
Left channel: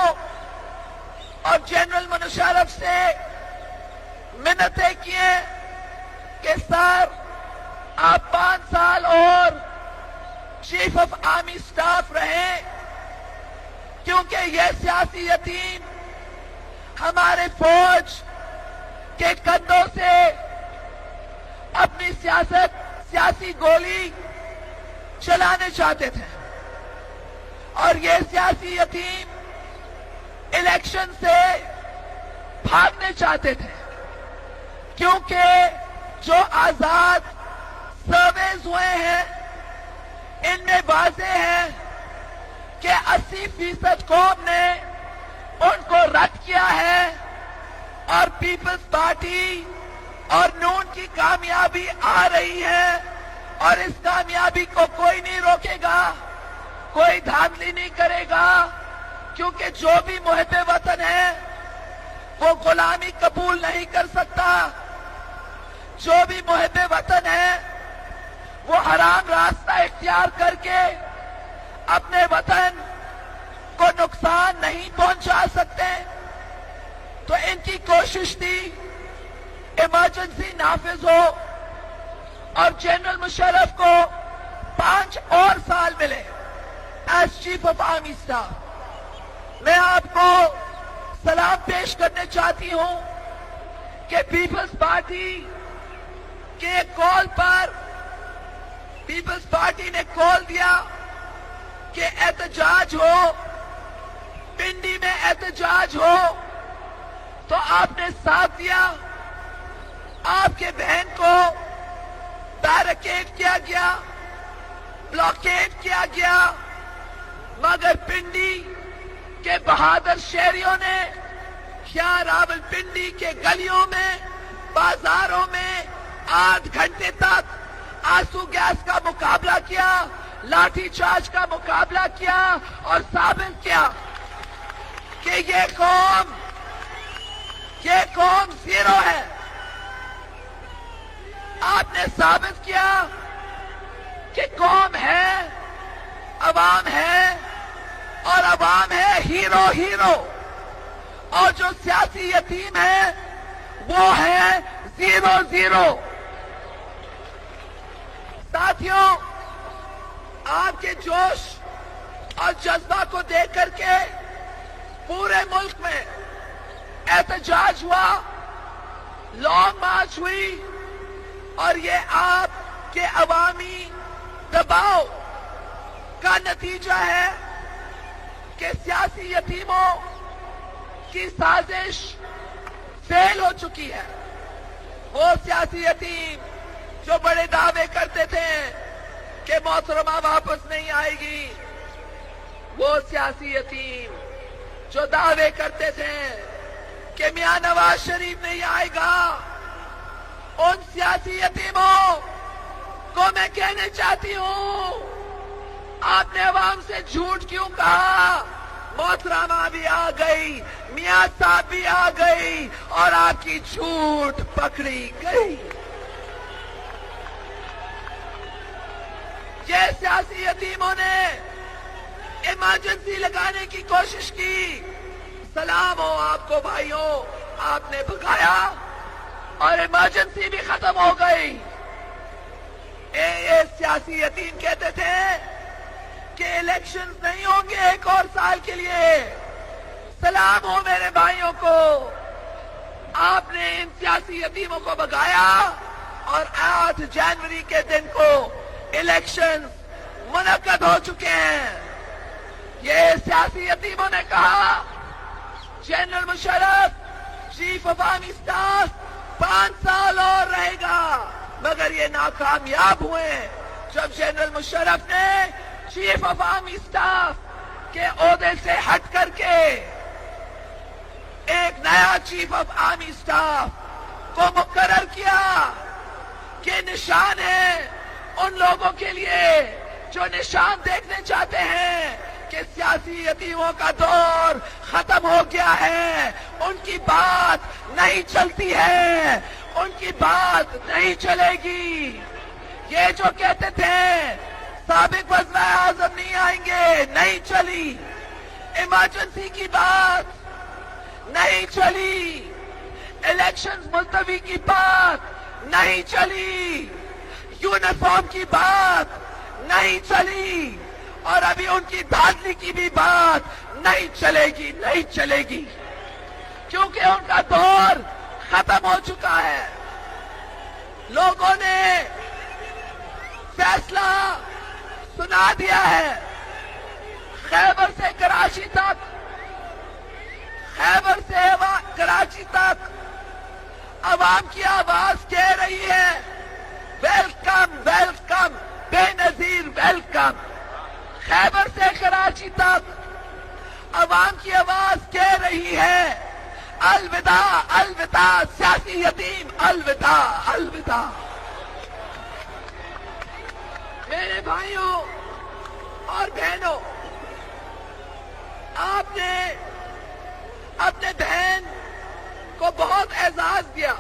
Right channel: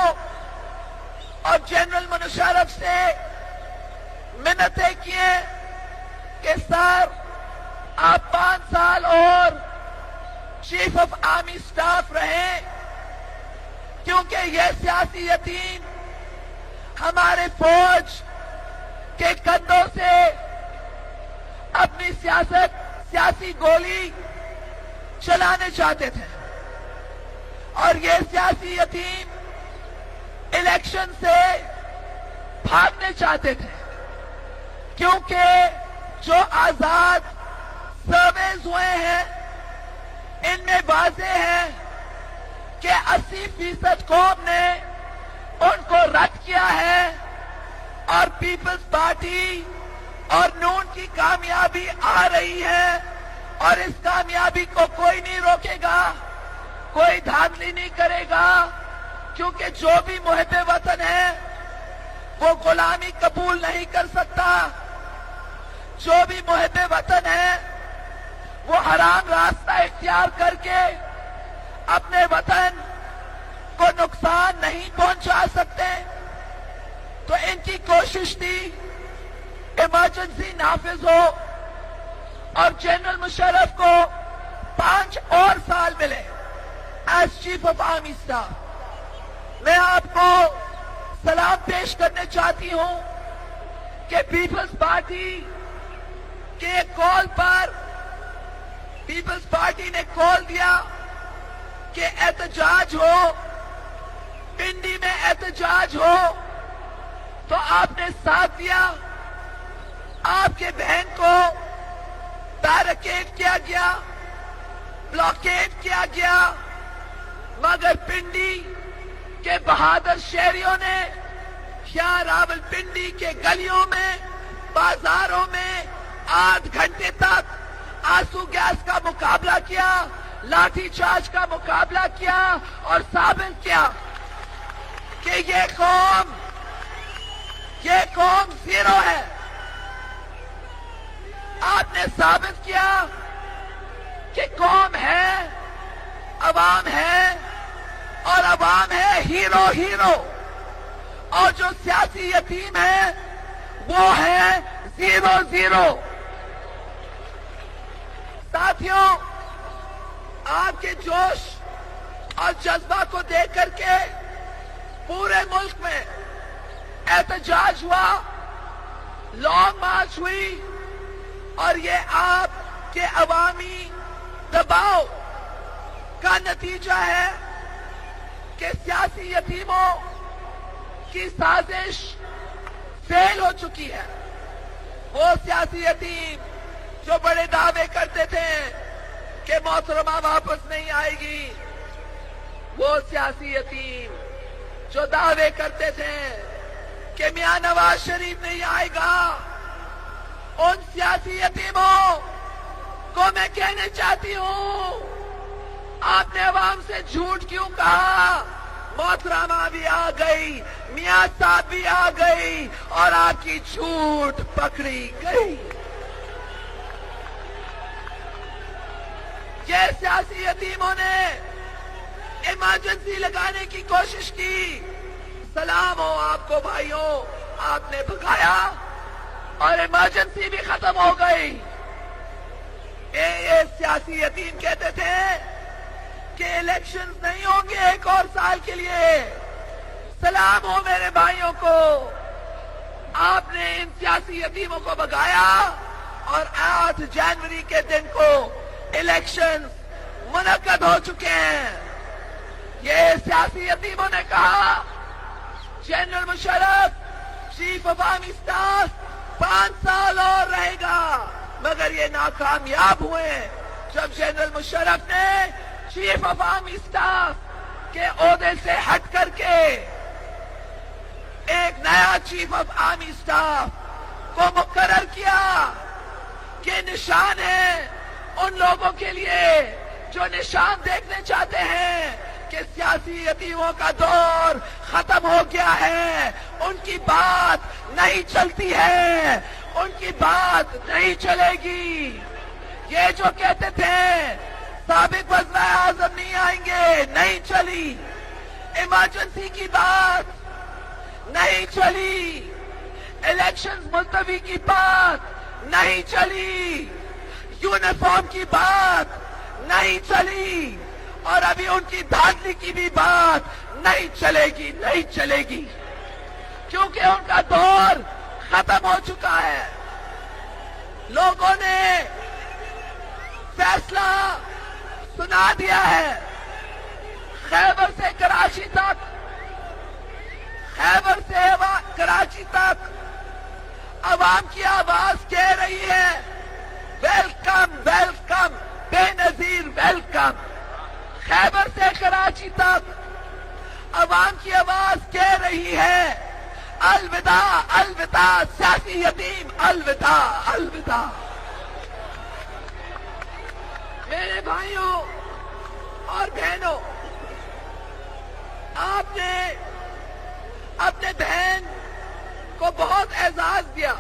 اور جنرل مشرف سے منتیں کیے کہ سر آپ 5 سال اور چیف آف آرمی اسٹاف رہیں، کیونکہ یہ سیاسی یتیم ہمارے فوج کے کندھوں سے اپنی سیاسی گولی چلانے چاہتے تھے، اور یہ سیاسی یتیم الیکشن سے بھاگنے چاہتے تھے، کیونکہ جو آزاد سرویز ہوئے ہیں ان میں واضح ہے کہ 80% قوم نے ان کو رد کیا ہے، اور پیپلز پارٹی اور نون کی کامیابی آ رہی ہے، اور اس کامیابی کو کوئی نہیں روکے گا، کوئی دھاندلی نہیں کرے گا، کیونکہ جو بھی محب وطن ہے وہ غلامی قبول نہیں کر سکتا۔ جو بھی محب وطن ہے وہ حرام راستہ اختیار کر کے اپنے وطن کو نقصان نہیں پہنچا سکتے۔ تو ان کی کوشش تھی ایمرجنسی نافذ ہو اور جنرل مشرف کو 5 اور سال ملے as chief of army staff. میں آپ کو سلام پیش کرنا چاہتی ہوں کہ پیپلز پارٹی کے کال پر پیپلز پارٹی نے کال دیا کہ احتجاج ہو، پنڈی میں احتجاج ہو، تو آپ نے ساتھ دیا۔ آپ کے بہن کو بیریکیڈ کیا گیا، بلاکیڈ کیا گیا، مگر پنڈی کے بہادر شہریوں نے کیا راولپنڈی کے گلیوں میں بازاروں میں 8 گھنٹے تک آنسو گیس کا مقابلہ کیا، لاٹھی چارج کا مقابلہ کیا اور ثابت کیا کہ یہ قوم زیرو ہے۔ آپ نے ثابت کیا کہ قوم ہے، عوام ہے، اور عوام ہے ہیرو، اور جو سیاسی یتیم ہے وہ ہے 0-0۔ ساتھیوں، آپ کے جوش اور جذبہ کو دیکھ کر کے پورے ملک میں احتجاج ہوا، لانگ مارچ ہوئی، اور یہ آپ کے عوامی دباؤ کا نتیجہ ہے کہ سیاسی یتیموں کی سازش فیل ہو چکی ہے۔ وہ سیاسی یتیم جو بڑے دعوے کرتے تھے کہ محترمہ واپس نہیں آئے گی، وہ سیاسی یتیم جو دعوے کرتے تھے کہ میاں نواز شریف نہیں آئے گا، ان سیاسی یتیموں کو میں کہنا چاہتی ہوں، آپ نے عوام سے جھوٹ کیوں کہا؟ محترمہ بھی آ گئی، میاں صاحب بھی آ گئی، اور آپ کی جھوٹ پکڑی گئی۔ یہ سیاسی یتیموں نے ایمرجنسی لگانے کی کوشش کی، سلام ہو آپ کو بھائیوں، آپ نے بھگایا اور ایمرجنسی بھی ختم ہو گئی۔ یہ سیاسی یتیم کہتے تھے کہ الیکشن نہیں ہوں گے 1 اور سال کے لیے، سلام ہو میرے بھائیوں کو، آپ نے ان سیاسی یتیموں کو بھگایا اور 8 جنوری کے دن کو الیکشن منعقد ہو چکے ہیں۔ یہ سیاسی یتیموں نے کہا general Musharraf chief of army staff 5 سال اور رہے گا، مگر یہ ناکامیاب ہوئے جب جنرل مشرف نے چیف آف آرمی اسٹاف کے عہدے سے ہٹ کر کے ایک نیا چیف آف آرمی اسٹاف کو مقرر کیا کہ نشان ہے ان لوگوں کے لیے جو نشان دیکھنے چاہتے ہیں کہ سیاسی یتیموں کا دور ختم ہو گیا ہے، ان کی بات نہیں چلتی ہے، ان کی بات نہیں چلے گی۔ یہ جو کہتے تھے سابق وزراء اعظم نہیں آئیں گے، نہیں چلی، ایمرجنسی کی بات نہیں چلی، الیکشنز ملتوی کی بات نہیں چلی، یونیفارم کی بات نہیں چلی، اور ابھی ان کی بھاگنے کی بھی بات نہیں چلے گی، نہیں چلے گی، کیونکہ ان کا دور ختم ہو چکا ہے۔ لوگوں نے فیصلہ سنا دیا ہے، خیبر سے کراچی تک، خیبر سے کراچی تک عوام کی آواز کہہ رہی ہے ویلکم ویلکم، بے نظیر ویلکم۔ خیبر سے کراچی تک عوام کی آواز کہہ رہی ہے الوداع الوداع سیاسی یتیم، الوداع الوداع۔ میرے بھائیوں اور بہنوں، آپ نے اپنے بہن کو بہت اعزاز دیا،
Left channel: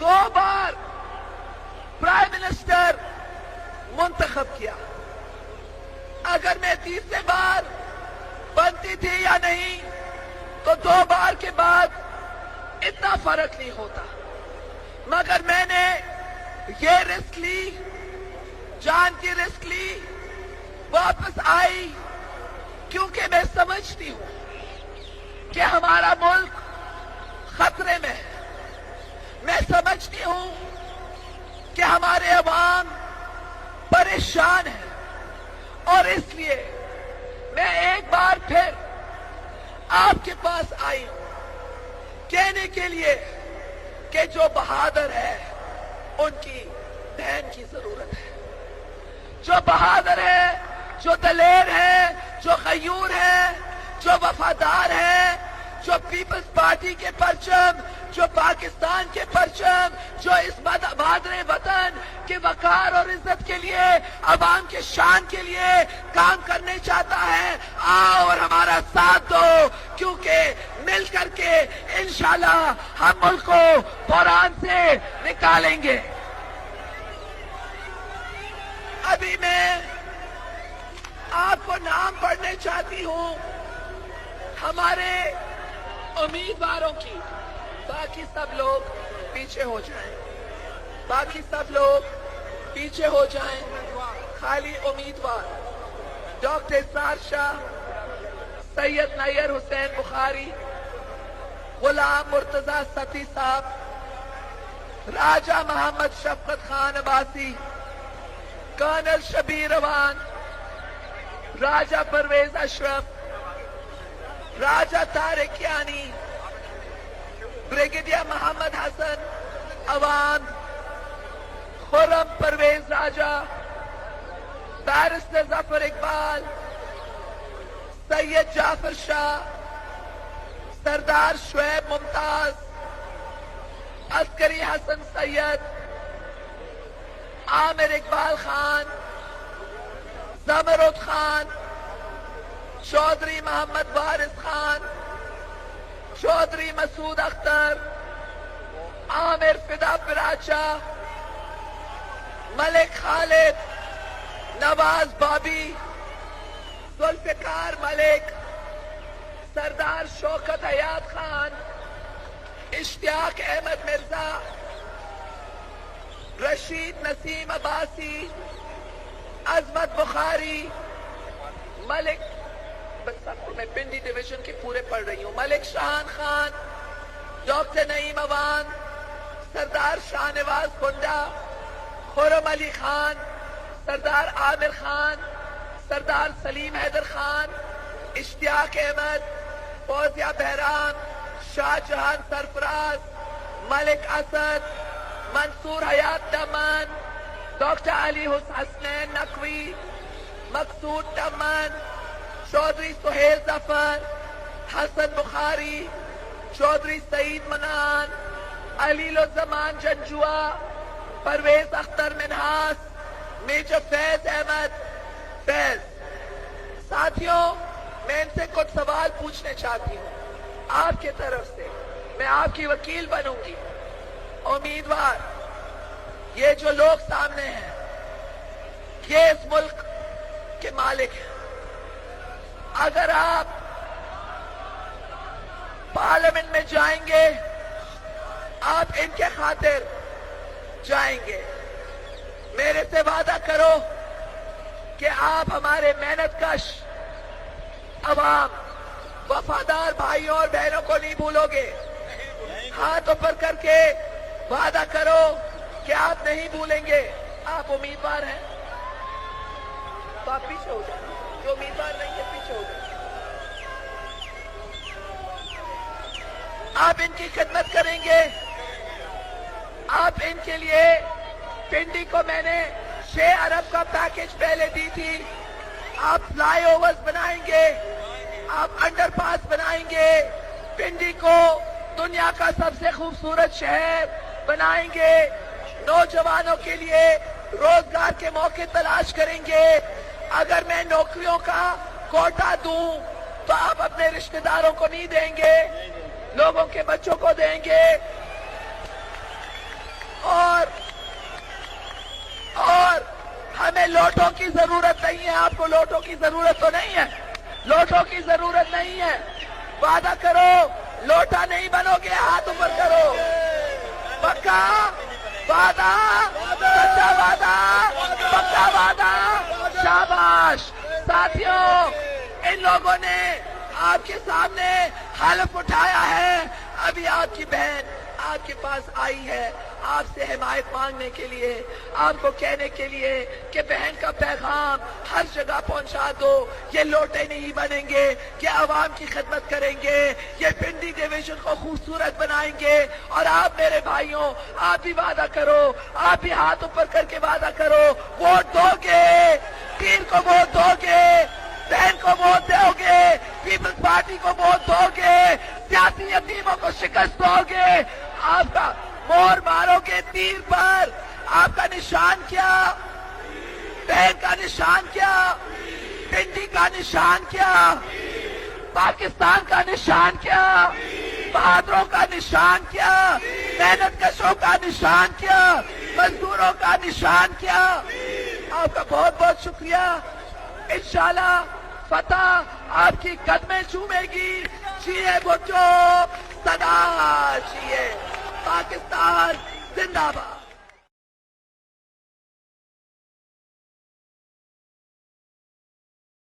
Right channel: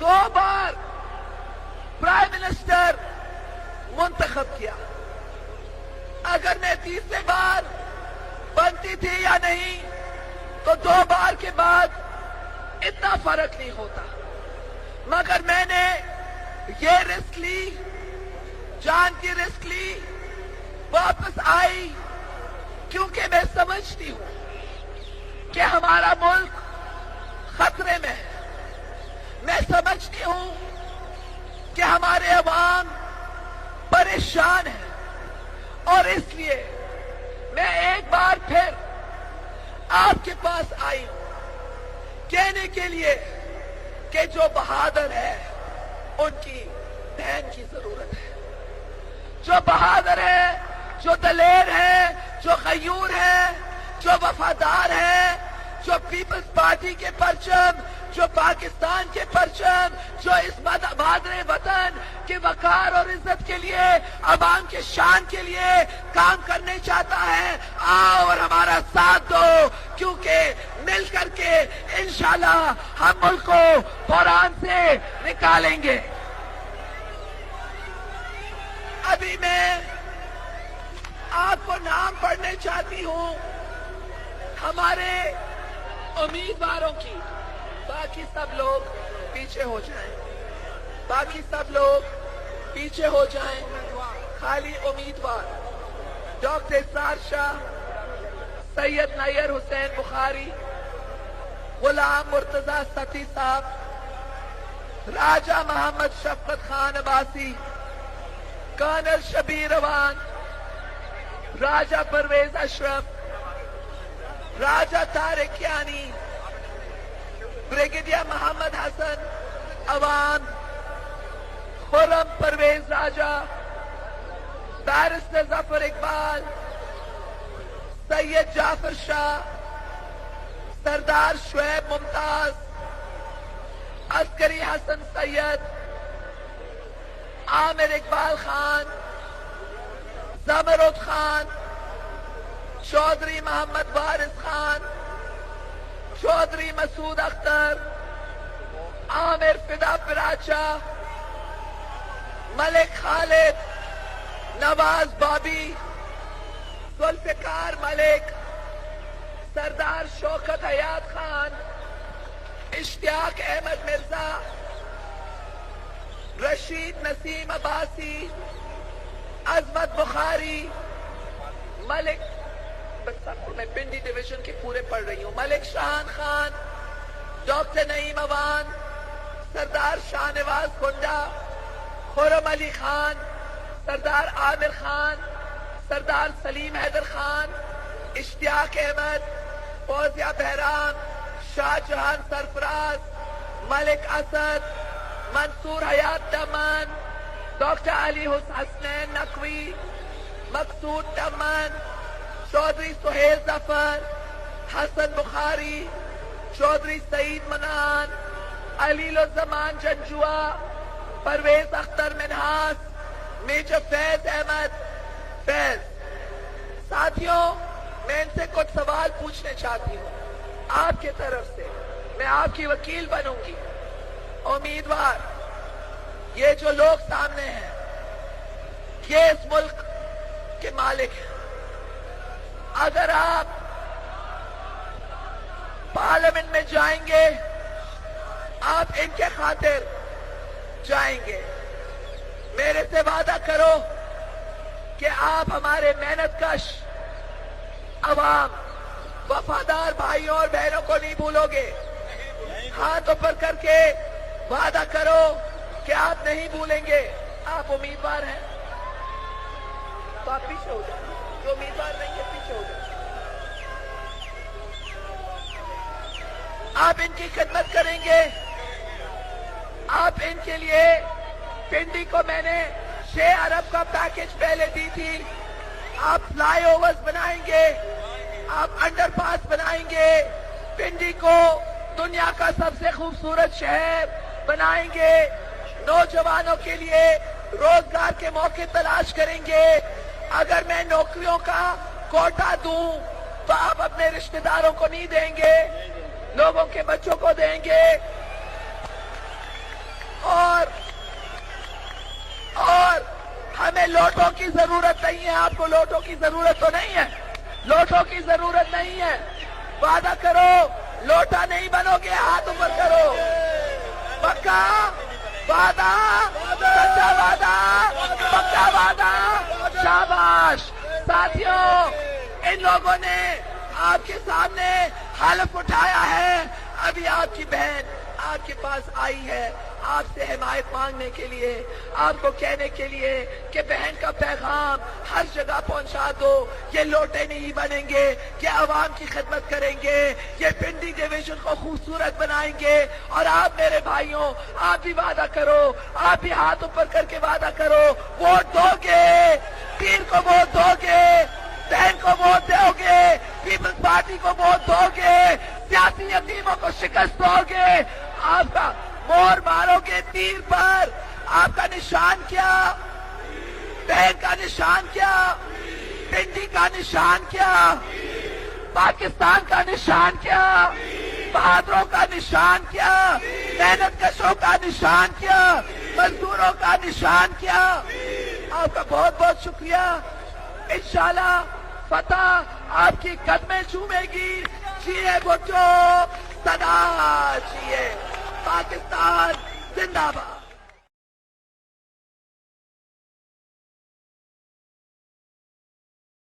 2 بار پرائم منسٹر منتخب کیا، اگر میں تیسرے بار بنتی تھی یا نہیں تو 2 بار کے بعد اتنا فرق نہیں ہوتا، مگر میں نے یہ رسک لی، جان کی رسک لی، واپس آئی، کیونکہ میں سمجھتی ہوں کہ ہمارا ملک خطرے میں ہے، میں سمجھتی ہوں کہ ہمارے عوام پریشان ہیں، اور اس لیے میں ایک بار پھر آپ کے پاس آئی کہنے کے لیے کہ جو بہادر ہے ان کی بہن کی ضرورت ہے، جو بہادر ہے جو دلیر ہیں، جو غیور ہیں، جو وفادار ہیں، جو پیپلز پارٹی کے پرچم، جو پاکستان کے پرچم، جو اس مادر وطن کے وقار اور عزت کے لیے، عوام کے شان کے لیے کام کرنے چاہتا ہے، آؤ اور ہمارا ساتھ دو، کیونکہ مل کر کے انشاءاللہ ہم ملک کو بحران سے نکالیں گے۔ ابھی میں آپ کو نام پڑھنے چاہتی ہوں ہمارے امیدواروں کی، تاکہ سب لوگ پیچھے ہو جائیں، تاکہ سب لوگ پیچھے ہو جائیں۔ خالی امیدوار ڈاکٹر اسرار شاہ، سید نیر حسین بخاری، غلام مرتضی ستی صاحب، راجہ محمد شفقت خان عباسی، کرنل شبیر اوان، راجہ پرویز اشرف، راجہ طارق یانی، بریگیڈیئر محمد حسن اوان، خرم پرویز راجہ، بیرسٹر ظفر اقبال، سید جعفر شاہ، سردار شعیب ممتاز، عسکری حسن سید، عامر اقبال خان، زمرد خان، چودھری محمد وارث خان، چودھری مسعود اختر، عامر فدا پراچا، ملک خالد، نواز بابی، ذوالفقار ملک، سردار شوکت حیات خان، اشتیاق احمد مرزا، رشید نسیم عباسی، عظمت بخاری، ملک، میں پنڈی ڈویژن کے پورے پڑھ رہی ہوں، ملک شاہان خان، ڈاکٹر نعیم اوان، سردار شاہ نواز گنڈا، خرم علی خان، سردار عامر خان، سردار سلیم حیدر خان، اشتیاق احمد، فوزیہ بہران، شاہ جہان سرفراز، ملک اسد، منصور حیات دمن، ڈاکٹر علی حسنین نقوی، مقصود دمن، چودھری سہیل ظفر، حسن بخاری، چودھری سعید منان، علیل الزمان جنجوا، پرویز اختر منہاس، میجر فیض احمد فیض۔ ساتھیوں، میں ان سے کچھ سوال پوچھنے چاہتی ہوں آپ کی طرف سے، میں آپ کی وکیل بنوں گی۔ امیدوار، یہ جو لوگ سامنے ہیں یہ اس ملک کے مالک ہیں۔ اگر آپ پارلیمنٹ میں جائیں گے، آپ ان کے خاطر جائیں گے، میرے سے وعدہ کرو کہ آپ ہمارے محنت کش عوام، وفادار بھائیوں اور بہنوں کو نہیں بھولو گے۔ ہاتھ اوپر کر کے وعدہ کرو کہ آپ نہیں بھولیں گے۔ آپ امیدوار ہیں تو آپ پیچھے ہو جائیں، جو امیدوار نہیں ہے پیچھے ہو جائیں۔ آپ ان کی خدمت کریں گے، آپ ان کے لیے، پنڈی کو میں نے 6 ارب کا پیکج پہلے دی تھی، آپ فلائی اوورز بنائیں گے، آپ انڈر پاس بنائیں گے، پنڈی کو دنیا کا سب سے خوبصورت شہر بنائیں گے، نوجوانوں کے لیے روزگار کے موقع تلاش کریں گے۔ اگر میں نوکریوں کا کوٹا دوں تو آپ اپنے رشتہ داروں کو نہیں دیں گے، لوگوں کے بچوں کو دیں گے، اور ہمیں لوٹوں کی ضرورت نہیں ہے۔ آپ کو لوٹوں کی ضرورت تو نہیں ہے، لوٹوں کی ضرورت نہیں ہے۔ وعدہ کرو لوٹا نہیں بنو گے، ہاتھ اوپر کرو، پکا وعدہ، سچا وعدہ، سچا وعدہ، شاباش۔ ساتھیوں، ان لوگوں نے آپ کے سامنے حلف اٹھایا ہے، ابھی آپ کی بہن، آپ کے پاس آئی ہے آپ سے حمایت مانگنے کے لیے، آپ کو کہنے کے لیے کہ بہن کا پیغام ہر جگہ پہنچا دو. یہ لوٹے نہیں بنیں گے کہ عوام کی خدمت کریں گے، یہ پنڈی ڈویژن کو خوبصورت بنائیں گے. اور آپ میرے بھائیوں، آپ بھی وعدہ کرو، آپ بھی ہاتھ اوپر کر کے وعدہ کرو، ووٹ دو گے، پیر کو ووٹ دو گے، بہن کو ووٹ دو گے، پیپلز پارٹی کو ووٹ دو گے، سیاسی یتیموں کو شکست دو گے. آپ کا مور مارو گے تیر پر. آپ کا نشان کیا؟ بہن کا نشان کیا؟ پنڈی کا نشان کیا؟ پاکستان کا نشان کیا؟ بہادروں کا نشان کیا؟ محنت کشوں کا نشان کیا؟ مزدوروں کا نشان کیا؟ آپ کا بہت بہت شکریہ. انشاءاللہ فتح آپ کی قدمیں چومے گی. جیے بھٹو، صدا چاہیے. پاکستان زندہ باد.